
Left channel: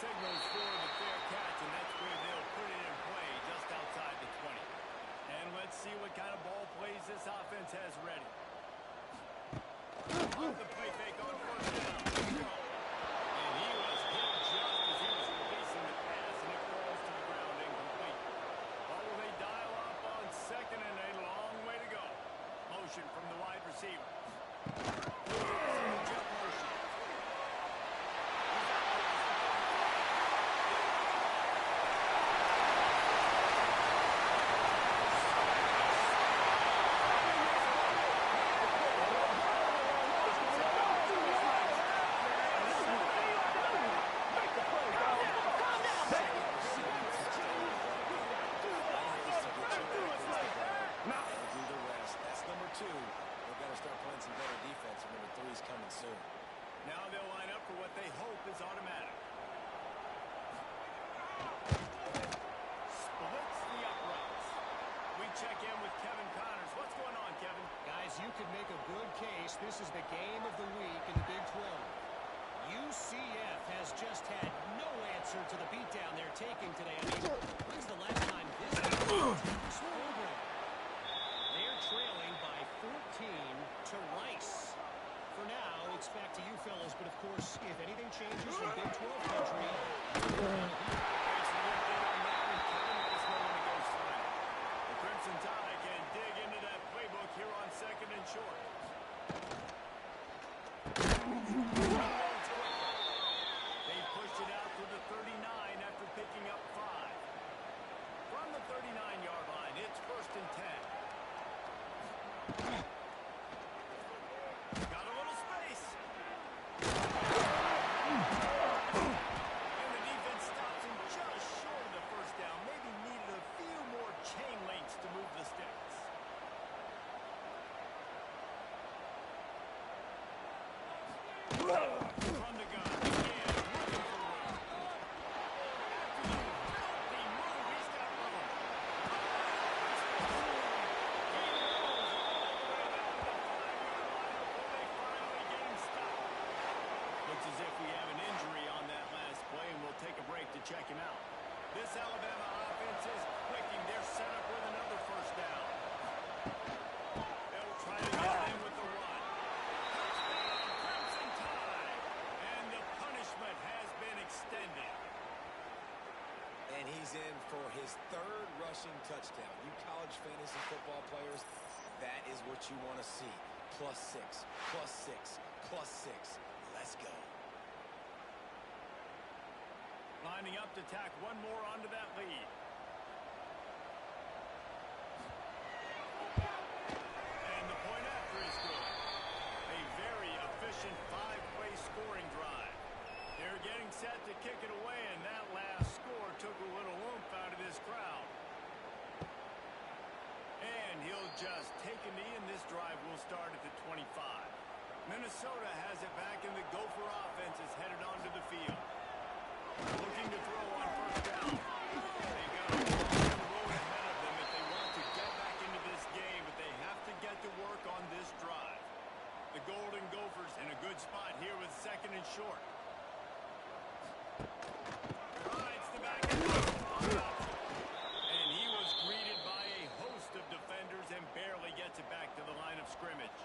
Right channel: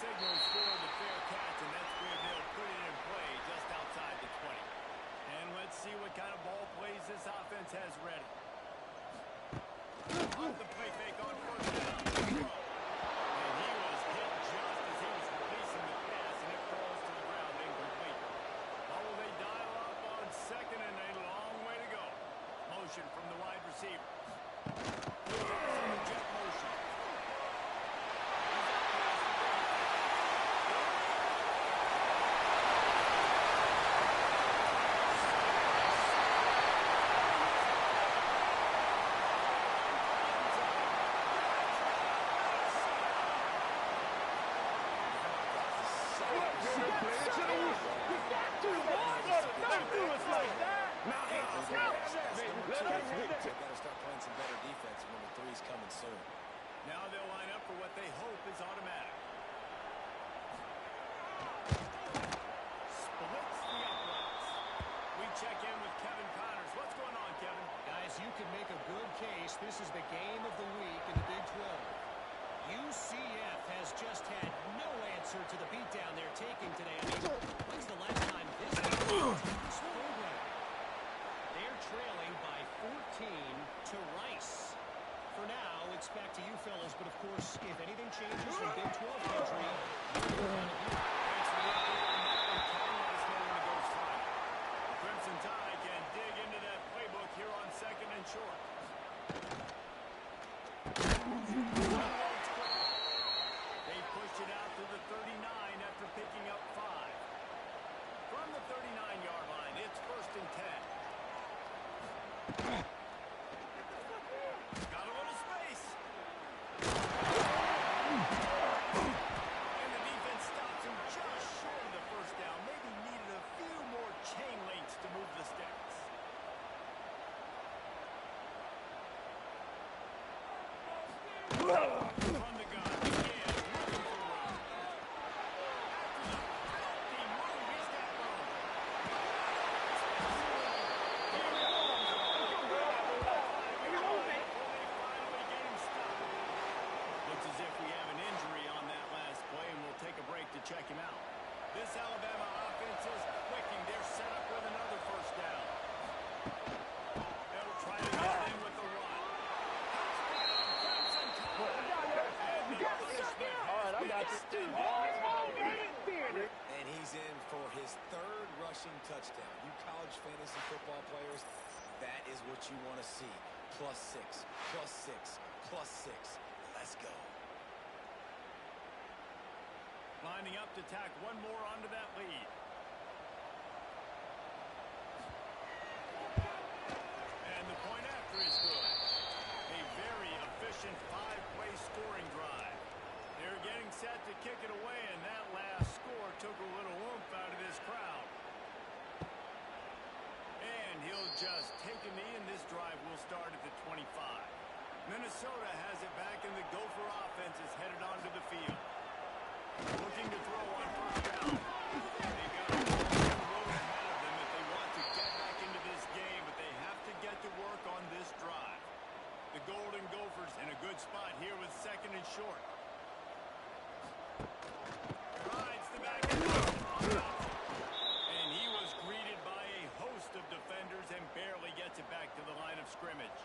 Signals for the fair catch, and that's where they'll put it in play just outside the 20. And let's see what kind of ball plays this offense has ready. Off the play fake on 1st down. And he was hit just as he was releasing the pass, and it falls to the ground incomplete. What will they dial up on 2nd and a long way to go? Motion from the wide receiver. Jet motion. He's out past the 3's coming soon. Now they'll line up for what they hope is automatic. Splits the uprights. We check in with Kevin Connors. What's going on, Kevin? Guys, you could make a good case. This is the game of the week in the Big 12. UCF has just had no answer to the beatdown they're taking today. I mean, when's the last time this program? They're trailing by 14 to Rice. For now, it's back to you fellas, but of course, if anything changes in Big 12 country, you're out of here. Thanks for the update on that one, Kevin. Let us know when it goes final. The Crimson Tide can dig into that playbook here on 2nd and short. They pushed it out to the 39 after picking up 5. From the 39-yard line, it's 1st and 10. Got a little space. And the defense stops him just short of the 1st down. Maybe needed a few more chain links to move the sticks. From the gun, again, looking for room. After the filthy move, he's got check him out. This Alabama offense is clicking. They're set up with another first down. They'll try to get in with the run. Touchdown, Crimson Tide. And the punishment has been extended. And he's in for his third rushing touchdown. You college fantasy football players, that is what you want to see. +6, +6, +6. Let's go. Lining up to tack one more onto that lead. And the point after is good. A very efficient 5-play scoring drive. They're getting set to kick it away, and that last score took a little oomph out of this crowd. And he'll just take a knee, and this drive will start at the 25. Minnesota has it back, and the Gopher offense is headed onto the field. Looking to throw on first down. They've got a long road ahead of them if they want to get back into this game, but they have to get to work on this drive. The Golden Gophers in a good spot here with 2nd and short. Rides the back end on the option. And he was greeted by a host of defenders and barely gets it back to the line of scrimmage.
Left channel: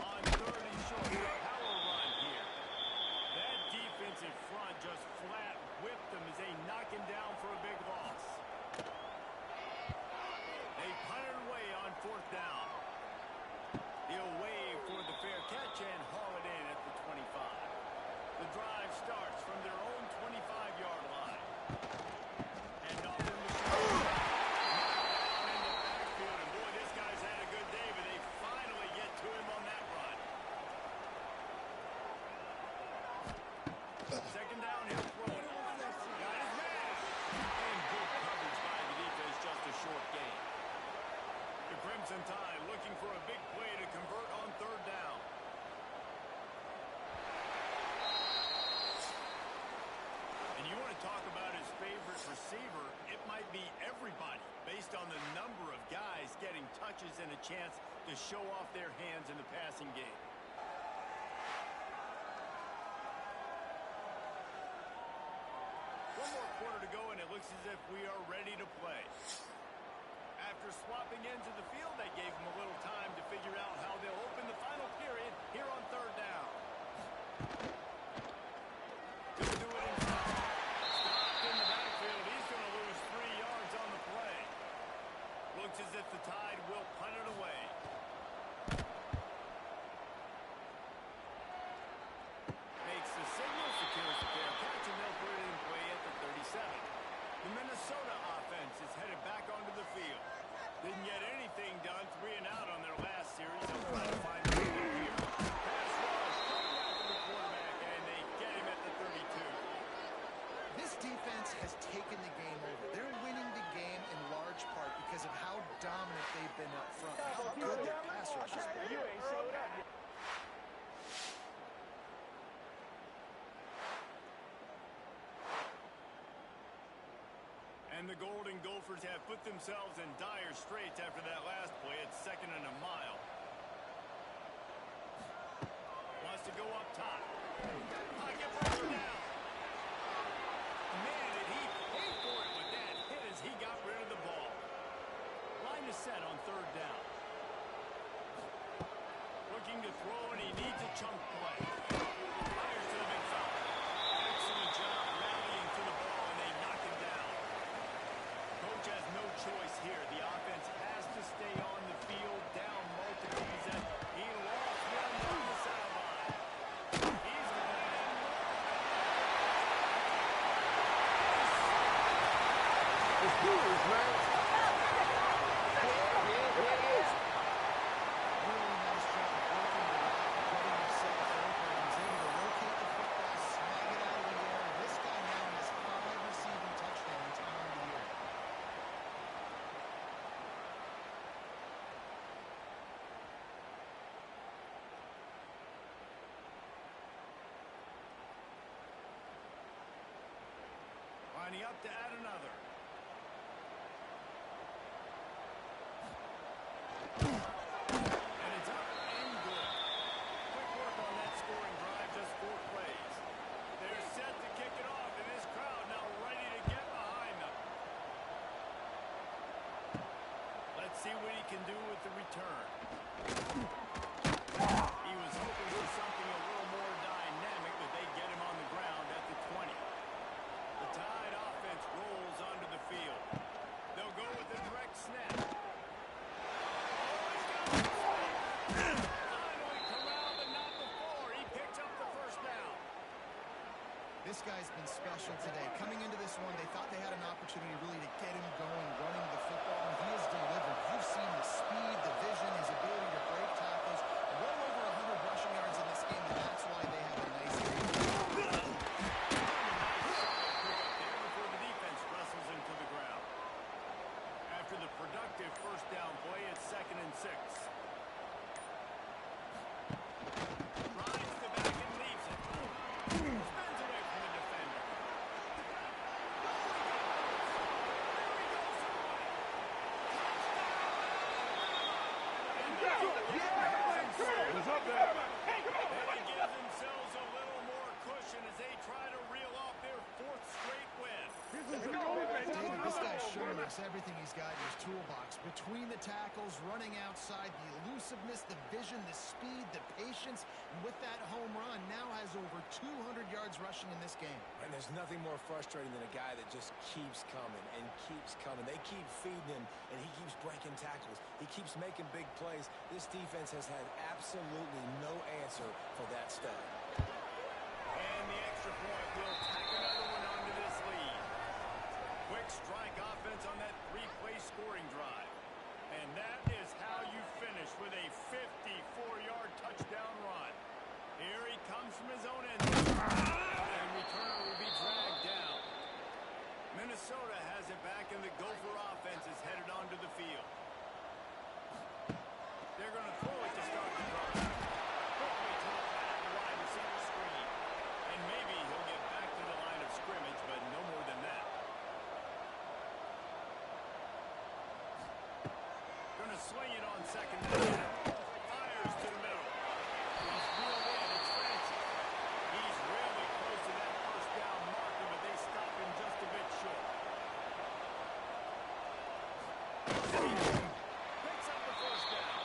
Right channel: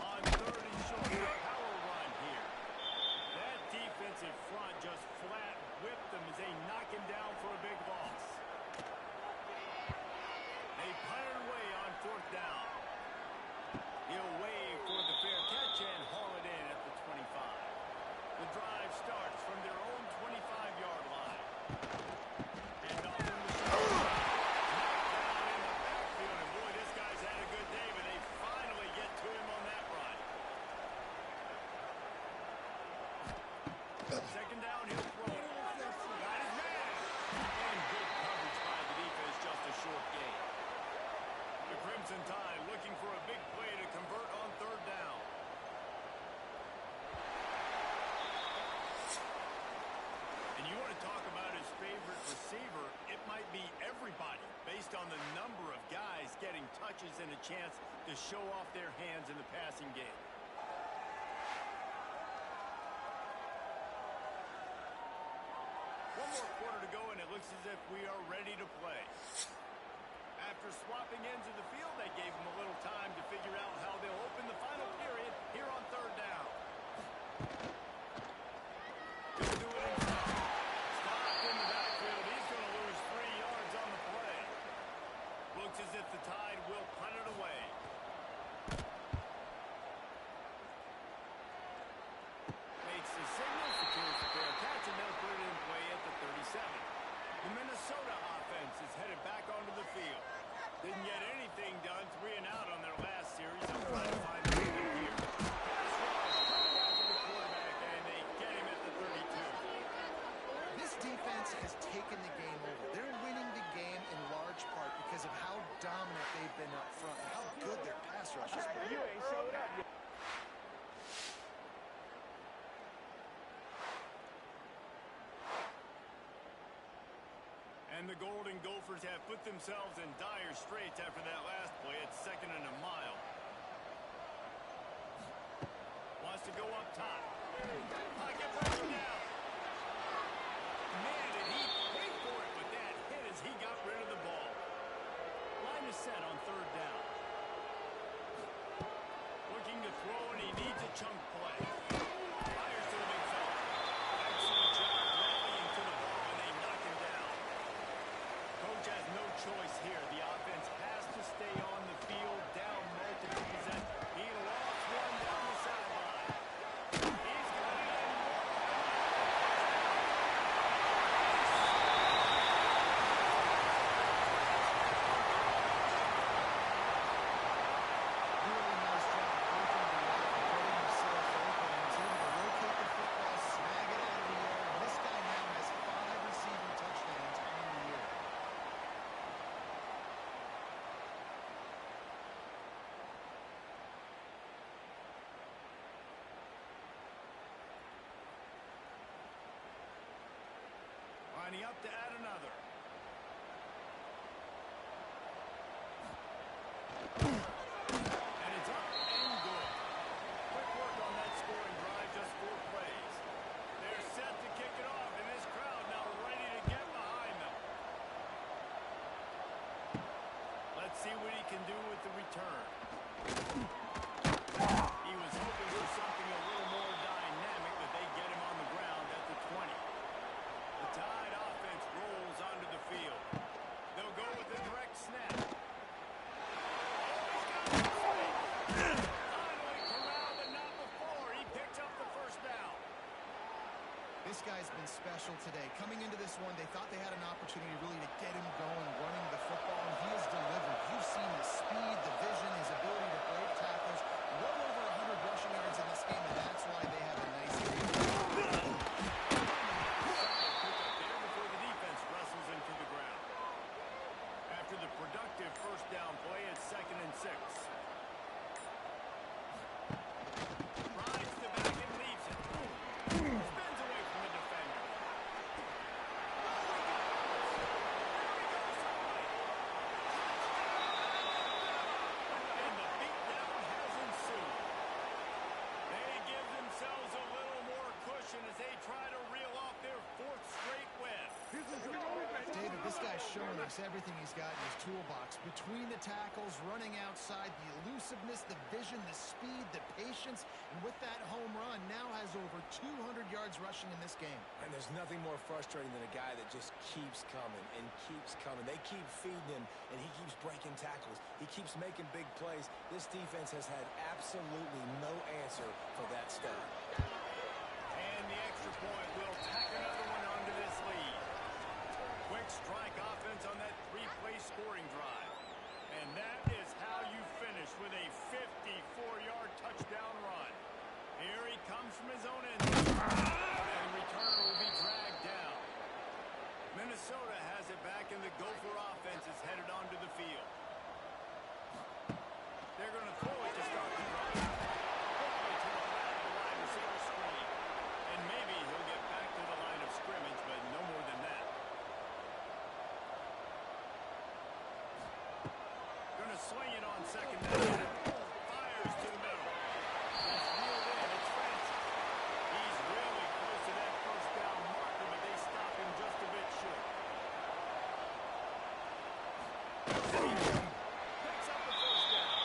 On 3rd and short, the power run here. That defensive front just flat whipped them as they knock him down for a big loss. They punt it away on 4th down. He'll wave for the fair catch and haul it in at the 25. The drive starts from their own 25-yard line. And off in the short. Knocked down in the backfield, and boy, this guy's had a good day, but they finally get to him on that run. 2nd down, he'll throw it. Got his man. And good coverage by the defense, just a short gain. The Crimson Tide looking for a big play to convert on 3rd down. And you want to talk about his favorite receiver, it might be everybody based on the number of guys getting touches and a chance to show off their hands in the passing game. One more quarter to go, and it looks as if we are ready to play. After swapping ends of the field, they gave him a little time to figure out how they'll open the final period here on 3rd down. He'll do it himself. Stopped in the backfield. He's going to lose 3 yards on the play. Looks as if the Tide will punt it away. Makes the signal, secures the fair catch, and they'll put it in play at the 37. The Minnesota offense is headed back onto the field. Didn't get anything done, 3 and out on their last series. They'll try to find a lead here. Pass rush coming after the quarterback, and they get him at the 32. This defense has taken the game over. They're winning the game in large part because of how dominant they've been up front, and how good their pass rush has been. You ain't showed up yet. And the Golden Gophers have put themselves in dire straits after that last play. It's 2nd and a mile. Wants to go up top. Pocket broken down. Man, did he pay for it with that hit as he got rid of the ball. Line is set on 3rd down. Looking to throw, and he needs a chunk play. Fires to the big fella. Excellent job rallying to the ball, and they knock him down. Coach has no choice here. The offense has to stay on the field, down multiples, and he lost one down the sideline. He's got it and more. Really nice job working the route and getting himself open, and was able to locate the football, snag it out of the air, and this guy now has 5 receiving touchdowns on the year. Lining up to add another. And it's up and good. Quick work on that scoring drive, just 4 see what he can do with the return. He was hoping for something a little more dynamic, but they get him on the ground at the 20. The Tide offense rolls onto the field. They'll go with a direct snap. Oh, he's got it straight. Finally corralled, but not before. He picks up the first down. This guy's been special today. Coming into this one, they thought they had an opportunity really to get him going, running the football, and he has delivered. You've seen the speed, the vision, his ability to break tackles. Well over 100 rushing yards in this game, and that's why they have a nice game. Solid pickup there before the defense wrestles him to the ground. After the productive first down play, it's 2nd and 6. Rides the back and leaves it. Spins away from the defender. Oh, he got loose. There he goes to the right. Touchdown, Alabama! And the beatdown has ensued. They give themselves a little more cushion as they try to reel off their 4th straight win. David, this guy's showing us everything he's got in his toolbox. Between the tackles, running outside, the elusiveness, the vision, the speed, the patience, and with that home run, now has over 200 yards rushing in this game. And there's nothing more frustrating than a guy that just keeps coming and keeps coming. They keep feeding him, and he keeps breaking tackles. He keeps making big plays. This defense has had absolutely no answer for that stud. And the extra point will tack another one onto this lead. Quick strike offense on that 3-play scoring drive. And that is how you finish with a 54-yard touchdown run. Here he comes from his own end zone. And returner will be dragged down. Minnesota has it back, and the Gopher offense is headed onto the field. They're going to throw it to start the drive. Quickly to the flat, the wide receiver screen. And maybe he'll get back to the line of scrimmage, but no more than that. Going to swing it on 2nd down. Fires to the middle. He's reeled in. It's Francis. He's really close to that first down marker, but they stop him just a bit short. Picks up the first down.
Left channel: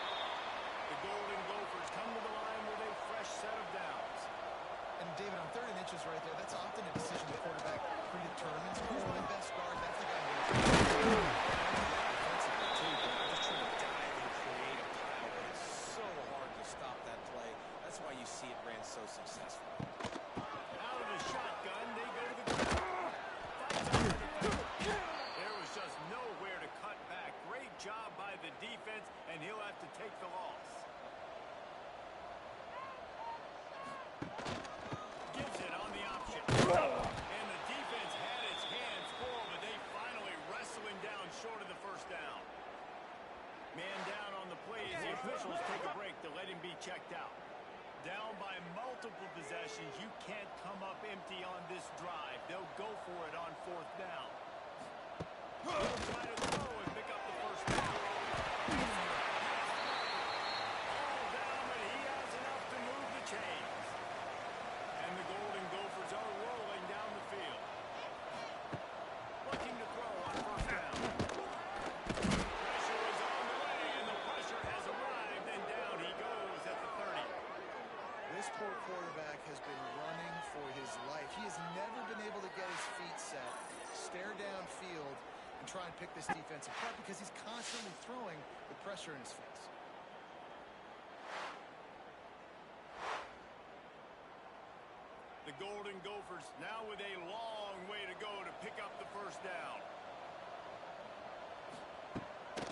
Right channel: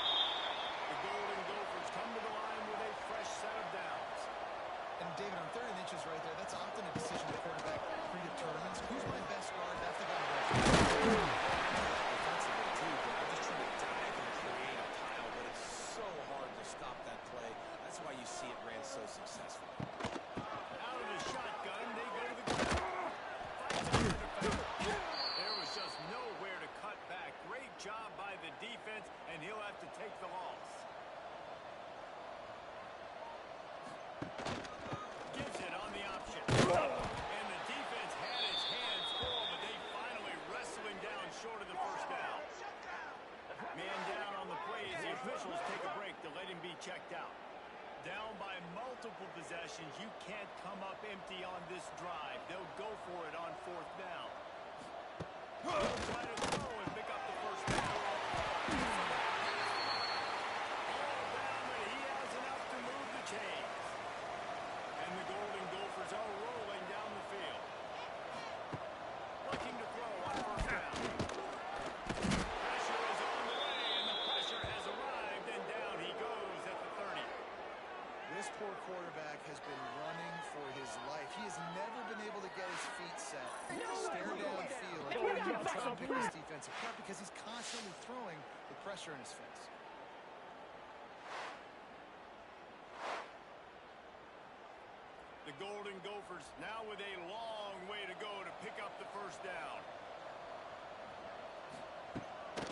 The Golden Gophers come to the line with a fresh set of downs. And David, on 3rd and inches right there, that's often a decision the quarterback predetermines. Who's my best guard? That's the guy I'm going to Defensively, too, but I'm just trying to dive and create a pile, but it's so hard to stop that play. That's why you see it ran so successfully. Out of the shotgun, they go to the ground. Fights over the defender. There was just nowhere to cut back. Great job by the defense, and he'll have to take the loss. Gives it on the option. And the defense had its hands full, but they finally wrestle him down short of the first down. Man down on the play as the officials take a break to let him be checked out. Down by multiple possessions, you can't come up empty on this drive. They'll go for it on 4th down. They'll try to throw and pick up the first down. All down, but he has enough to move the chains. And the Golden Gophers are rolling down the field. Looking to throw on 1st down. Pressure is on the way, and the pressure has arrived, and down he goes at the 30. This poor quarterback has been running for his life. He has never been able to get his feet set, stare downfield, and try and pick this defense apart because he's constantly throwing with pressure in his face. The Golden Gophers now with a long way to go to pick up the first down.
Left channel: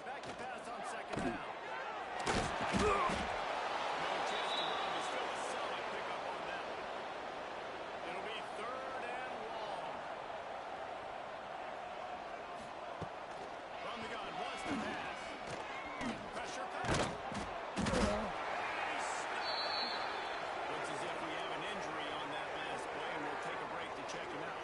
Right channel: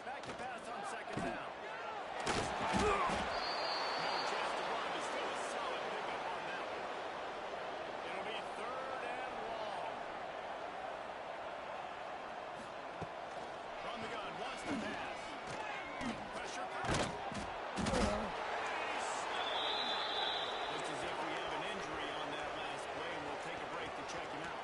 Back to pass on 2nd down. No chance to run, but still a solid pickup on that one. It'll be 3rd and long. From the gun, wants to pass. Pressure coming. And he's snowed under. Looks as if we have an injury on that last play, and we'll take a break to check him out.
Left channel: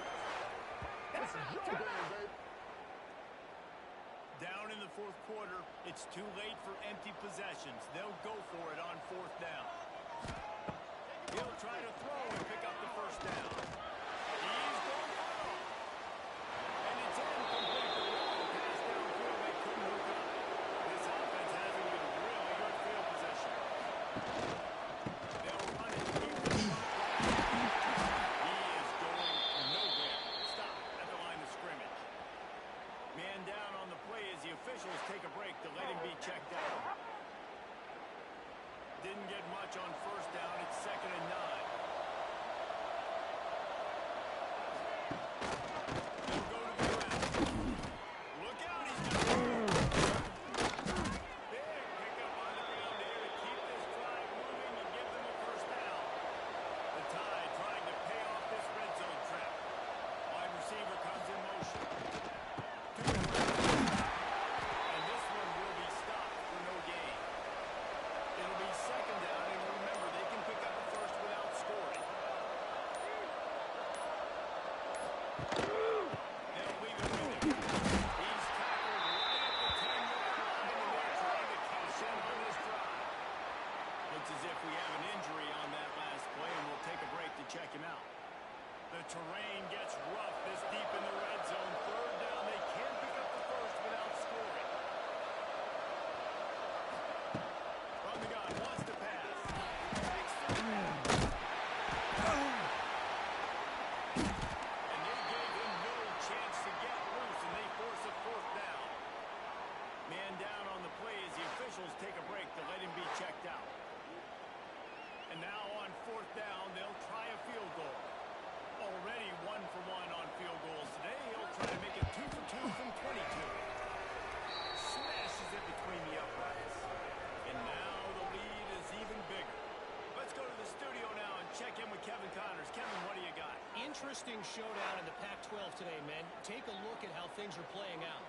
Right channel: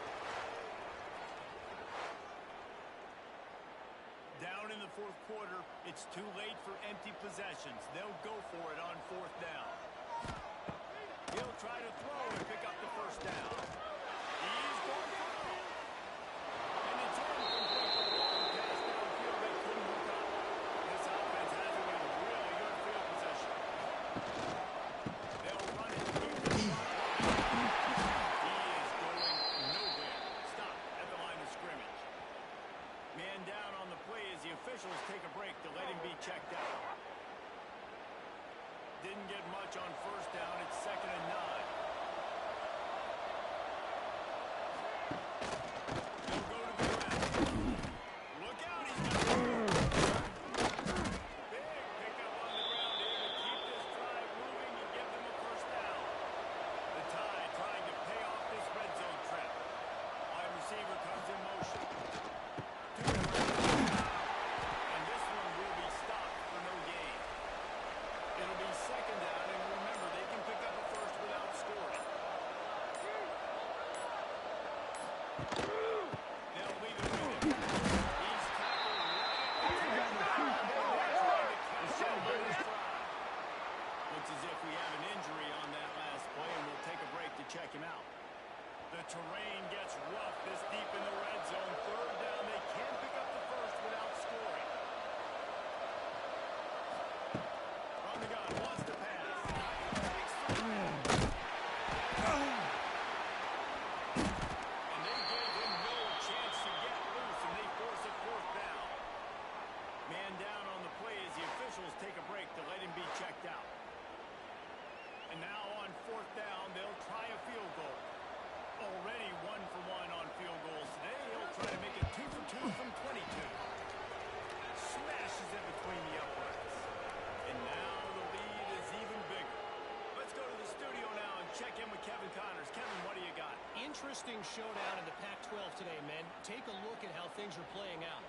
Down in the 4th quarter, it's too late for empty possessions. They'll go for it on 4th down. He'll try to throw and pick up the first down. He's going for it all. And it's incomplete. The long pass downfield, they couldn't hook up. This didn't get much on first down. It's 2nd and 9. They'll go to the ground. Look out, he's got big pickup on the ground here to keep this drive moving and give them a first down. The Tide trying to pay off this red zone trip. Wide receiver comes in motion. And this one will be stopped for no gain. It'll be 2nd down, and remember, they can pick up a first without scoring. They'll leave it with him. He's tackled right at the tackle line, and they're trying to catch him on this drive. Looks as if we have an injury on that last play, and we'll take a break to check him out. The terrain gets rough this deep in the red zone. 3rd down, they can't pick up the first without scoring. From the gun, wants to pass. Takes the grab. And they gave him no chance to get loose, and they force a 4th down. Man down on the play as the officials take a break to let him be checked out. And now on 4th down, they'll try a field goal. Already 1 for 1 on field goals today. He'll try to make it 2 for 2 from 22. Smashes it between the uprights. And now the lead is even bigger. Let's go to the studio now and check in with Kevin Connors. Kevin, what do you got? Interesting showdown in the Pac-12 today, men. Take a look at how things are playing out.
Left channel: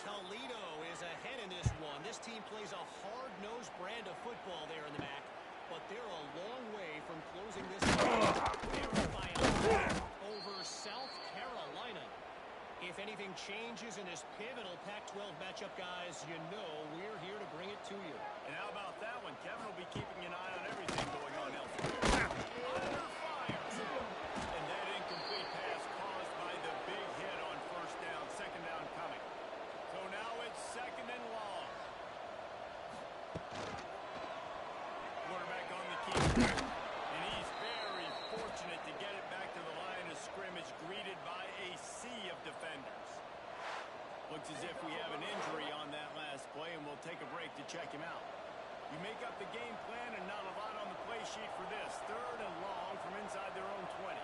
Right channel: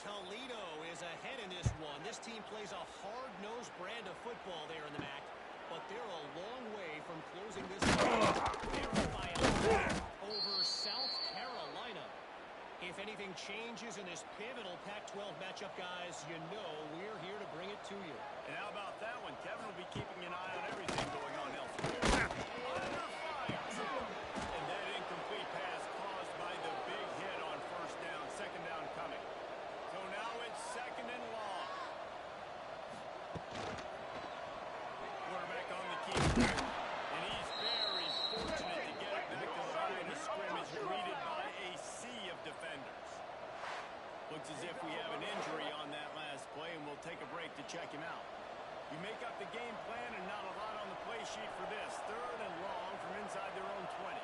Toledo is ahead in this one. This team plays a hard-nosed brand of football there in the MAC, but they're a long way from closing this game. They're up by a point over South Carolina. If anything changes in this pivotal Pac-12 matchup, guys, you know we're here to bring it to you. And how about that one? Kevin will be keeping an eye on everything going on elsewhere. Under fire. And that incomplete pass caused by the big hit on 1st down. 2nd down coming. So now it's 2nd and long. Quarterback on the key. And he's very fortunate to get it back to the line of scrimmage, greeted by a sea of defenders. Looks as if we have an injury on that last play, and we'll take a break to check him out. You make up the game plan and not a lot on the play sheet for this. 3rd and long from inside their own 20.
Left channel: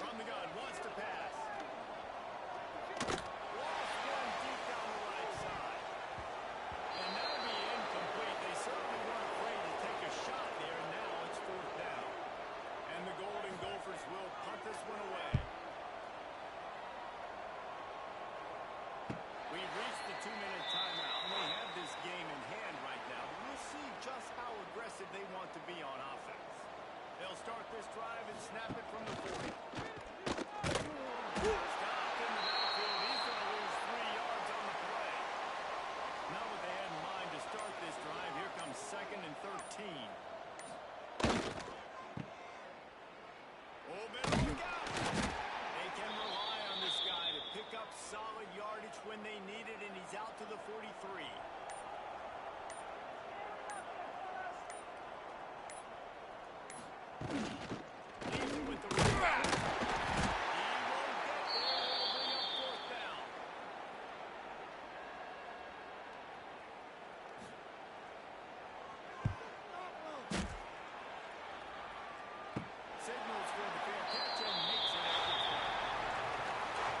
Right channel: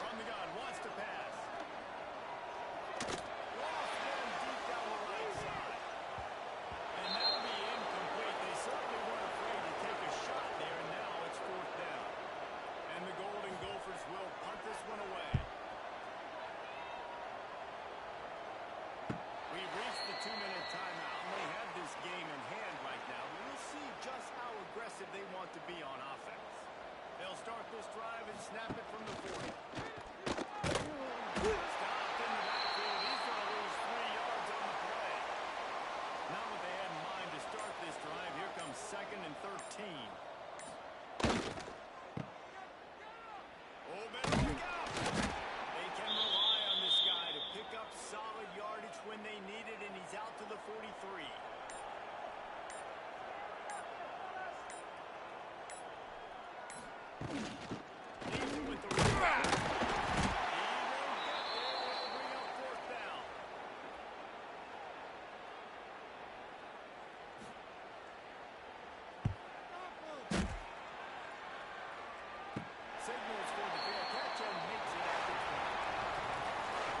From the gun, wants to pass. Lost one deep down the right side. And that'll be incomplete. They certainly weren't afraid to take a shot there, and now it's 4th down. And the Golden Gophers will punt this one away. We've reached the 2-minute timeout, and they have this game in hand right now. But we'll see just how aggressive they want to be on offense. They'll start this drive and snap it from the 40. Stopped in the backfield. He's going to lose 3 yards on the play. Not what they had in mind to start this drive. Here comes 2nd and 13. Oh, better look out. They can rely on this guy to pick up solid yardage when they need it, and he's out to the 43. Leaves it with the rebound. He won't get there. It'll bring up 4th down. Signals for the fair catch and makes it at the 20.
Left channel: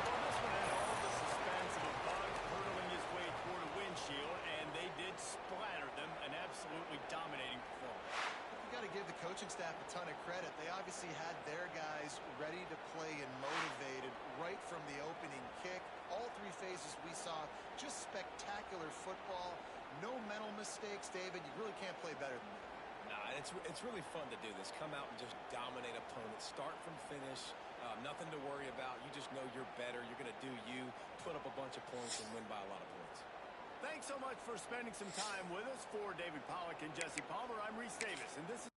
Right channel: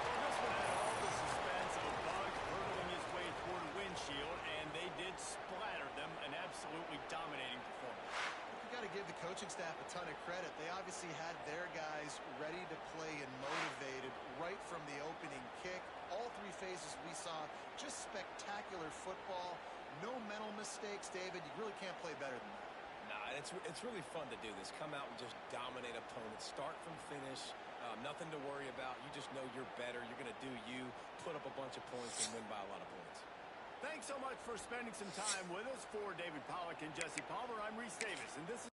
Well, this one had all the suspense of a bug hurtling his way toward a windshield, and they did splatter them. An absolutely dominating performance. You got to give the coaching staff a ton of credit. They obviously had their guys ready to play and motivated right from the opening kick. All 3 phases we saw, just spectacular football. No mental mistakes, David. You really can't play better than that. Nah, it's really fun to do this. Come out and just dominate opponents. Start from finish. Nothing to worry about. You just know you're better. You're going to do you, put up a bunch of points, and win by a lot of points. Thanks so much for spending some time with us. For David Pollack and Jesse Palmer, I'm Reese Davis, and this is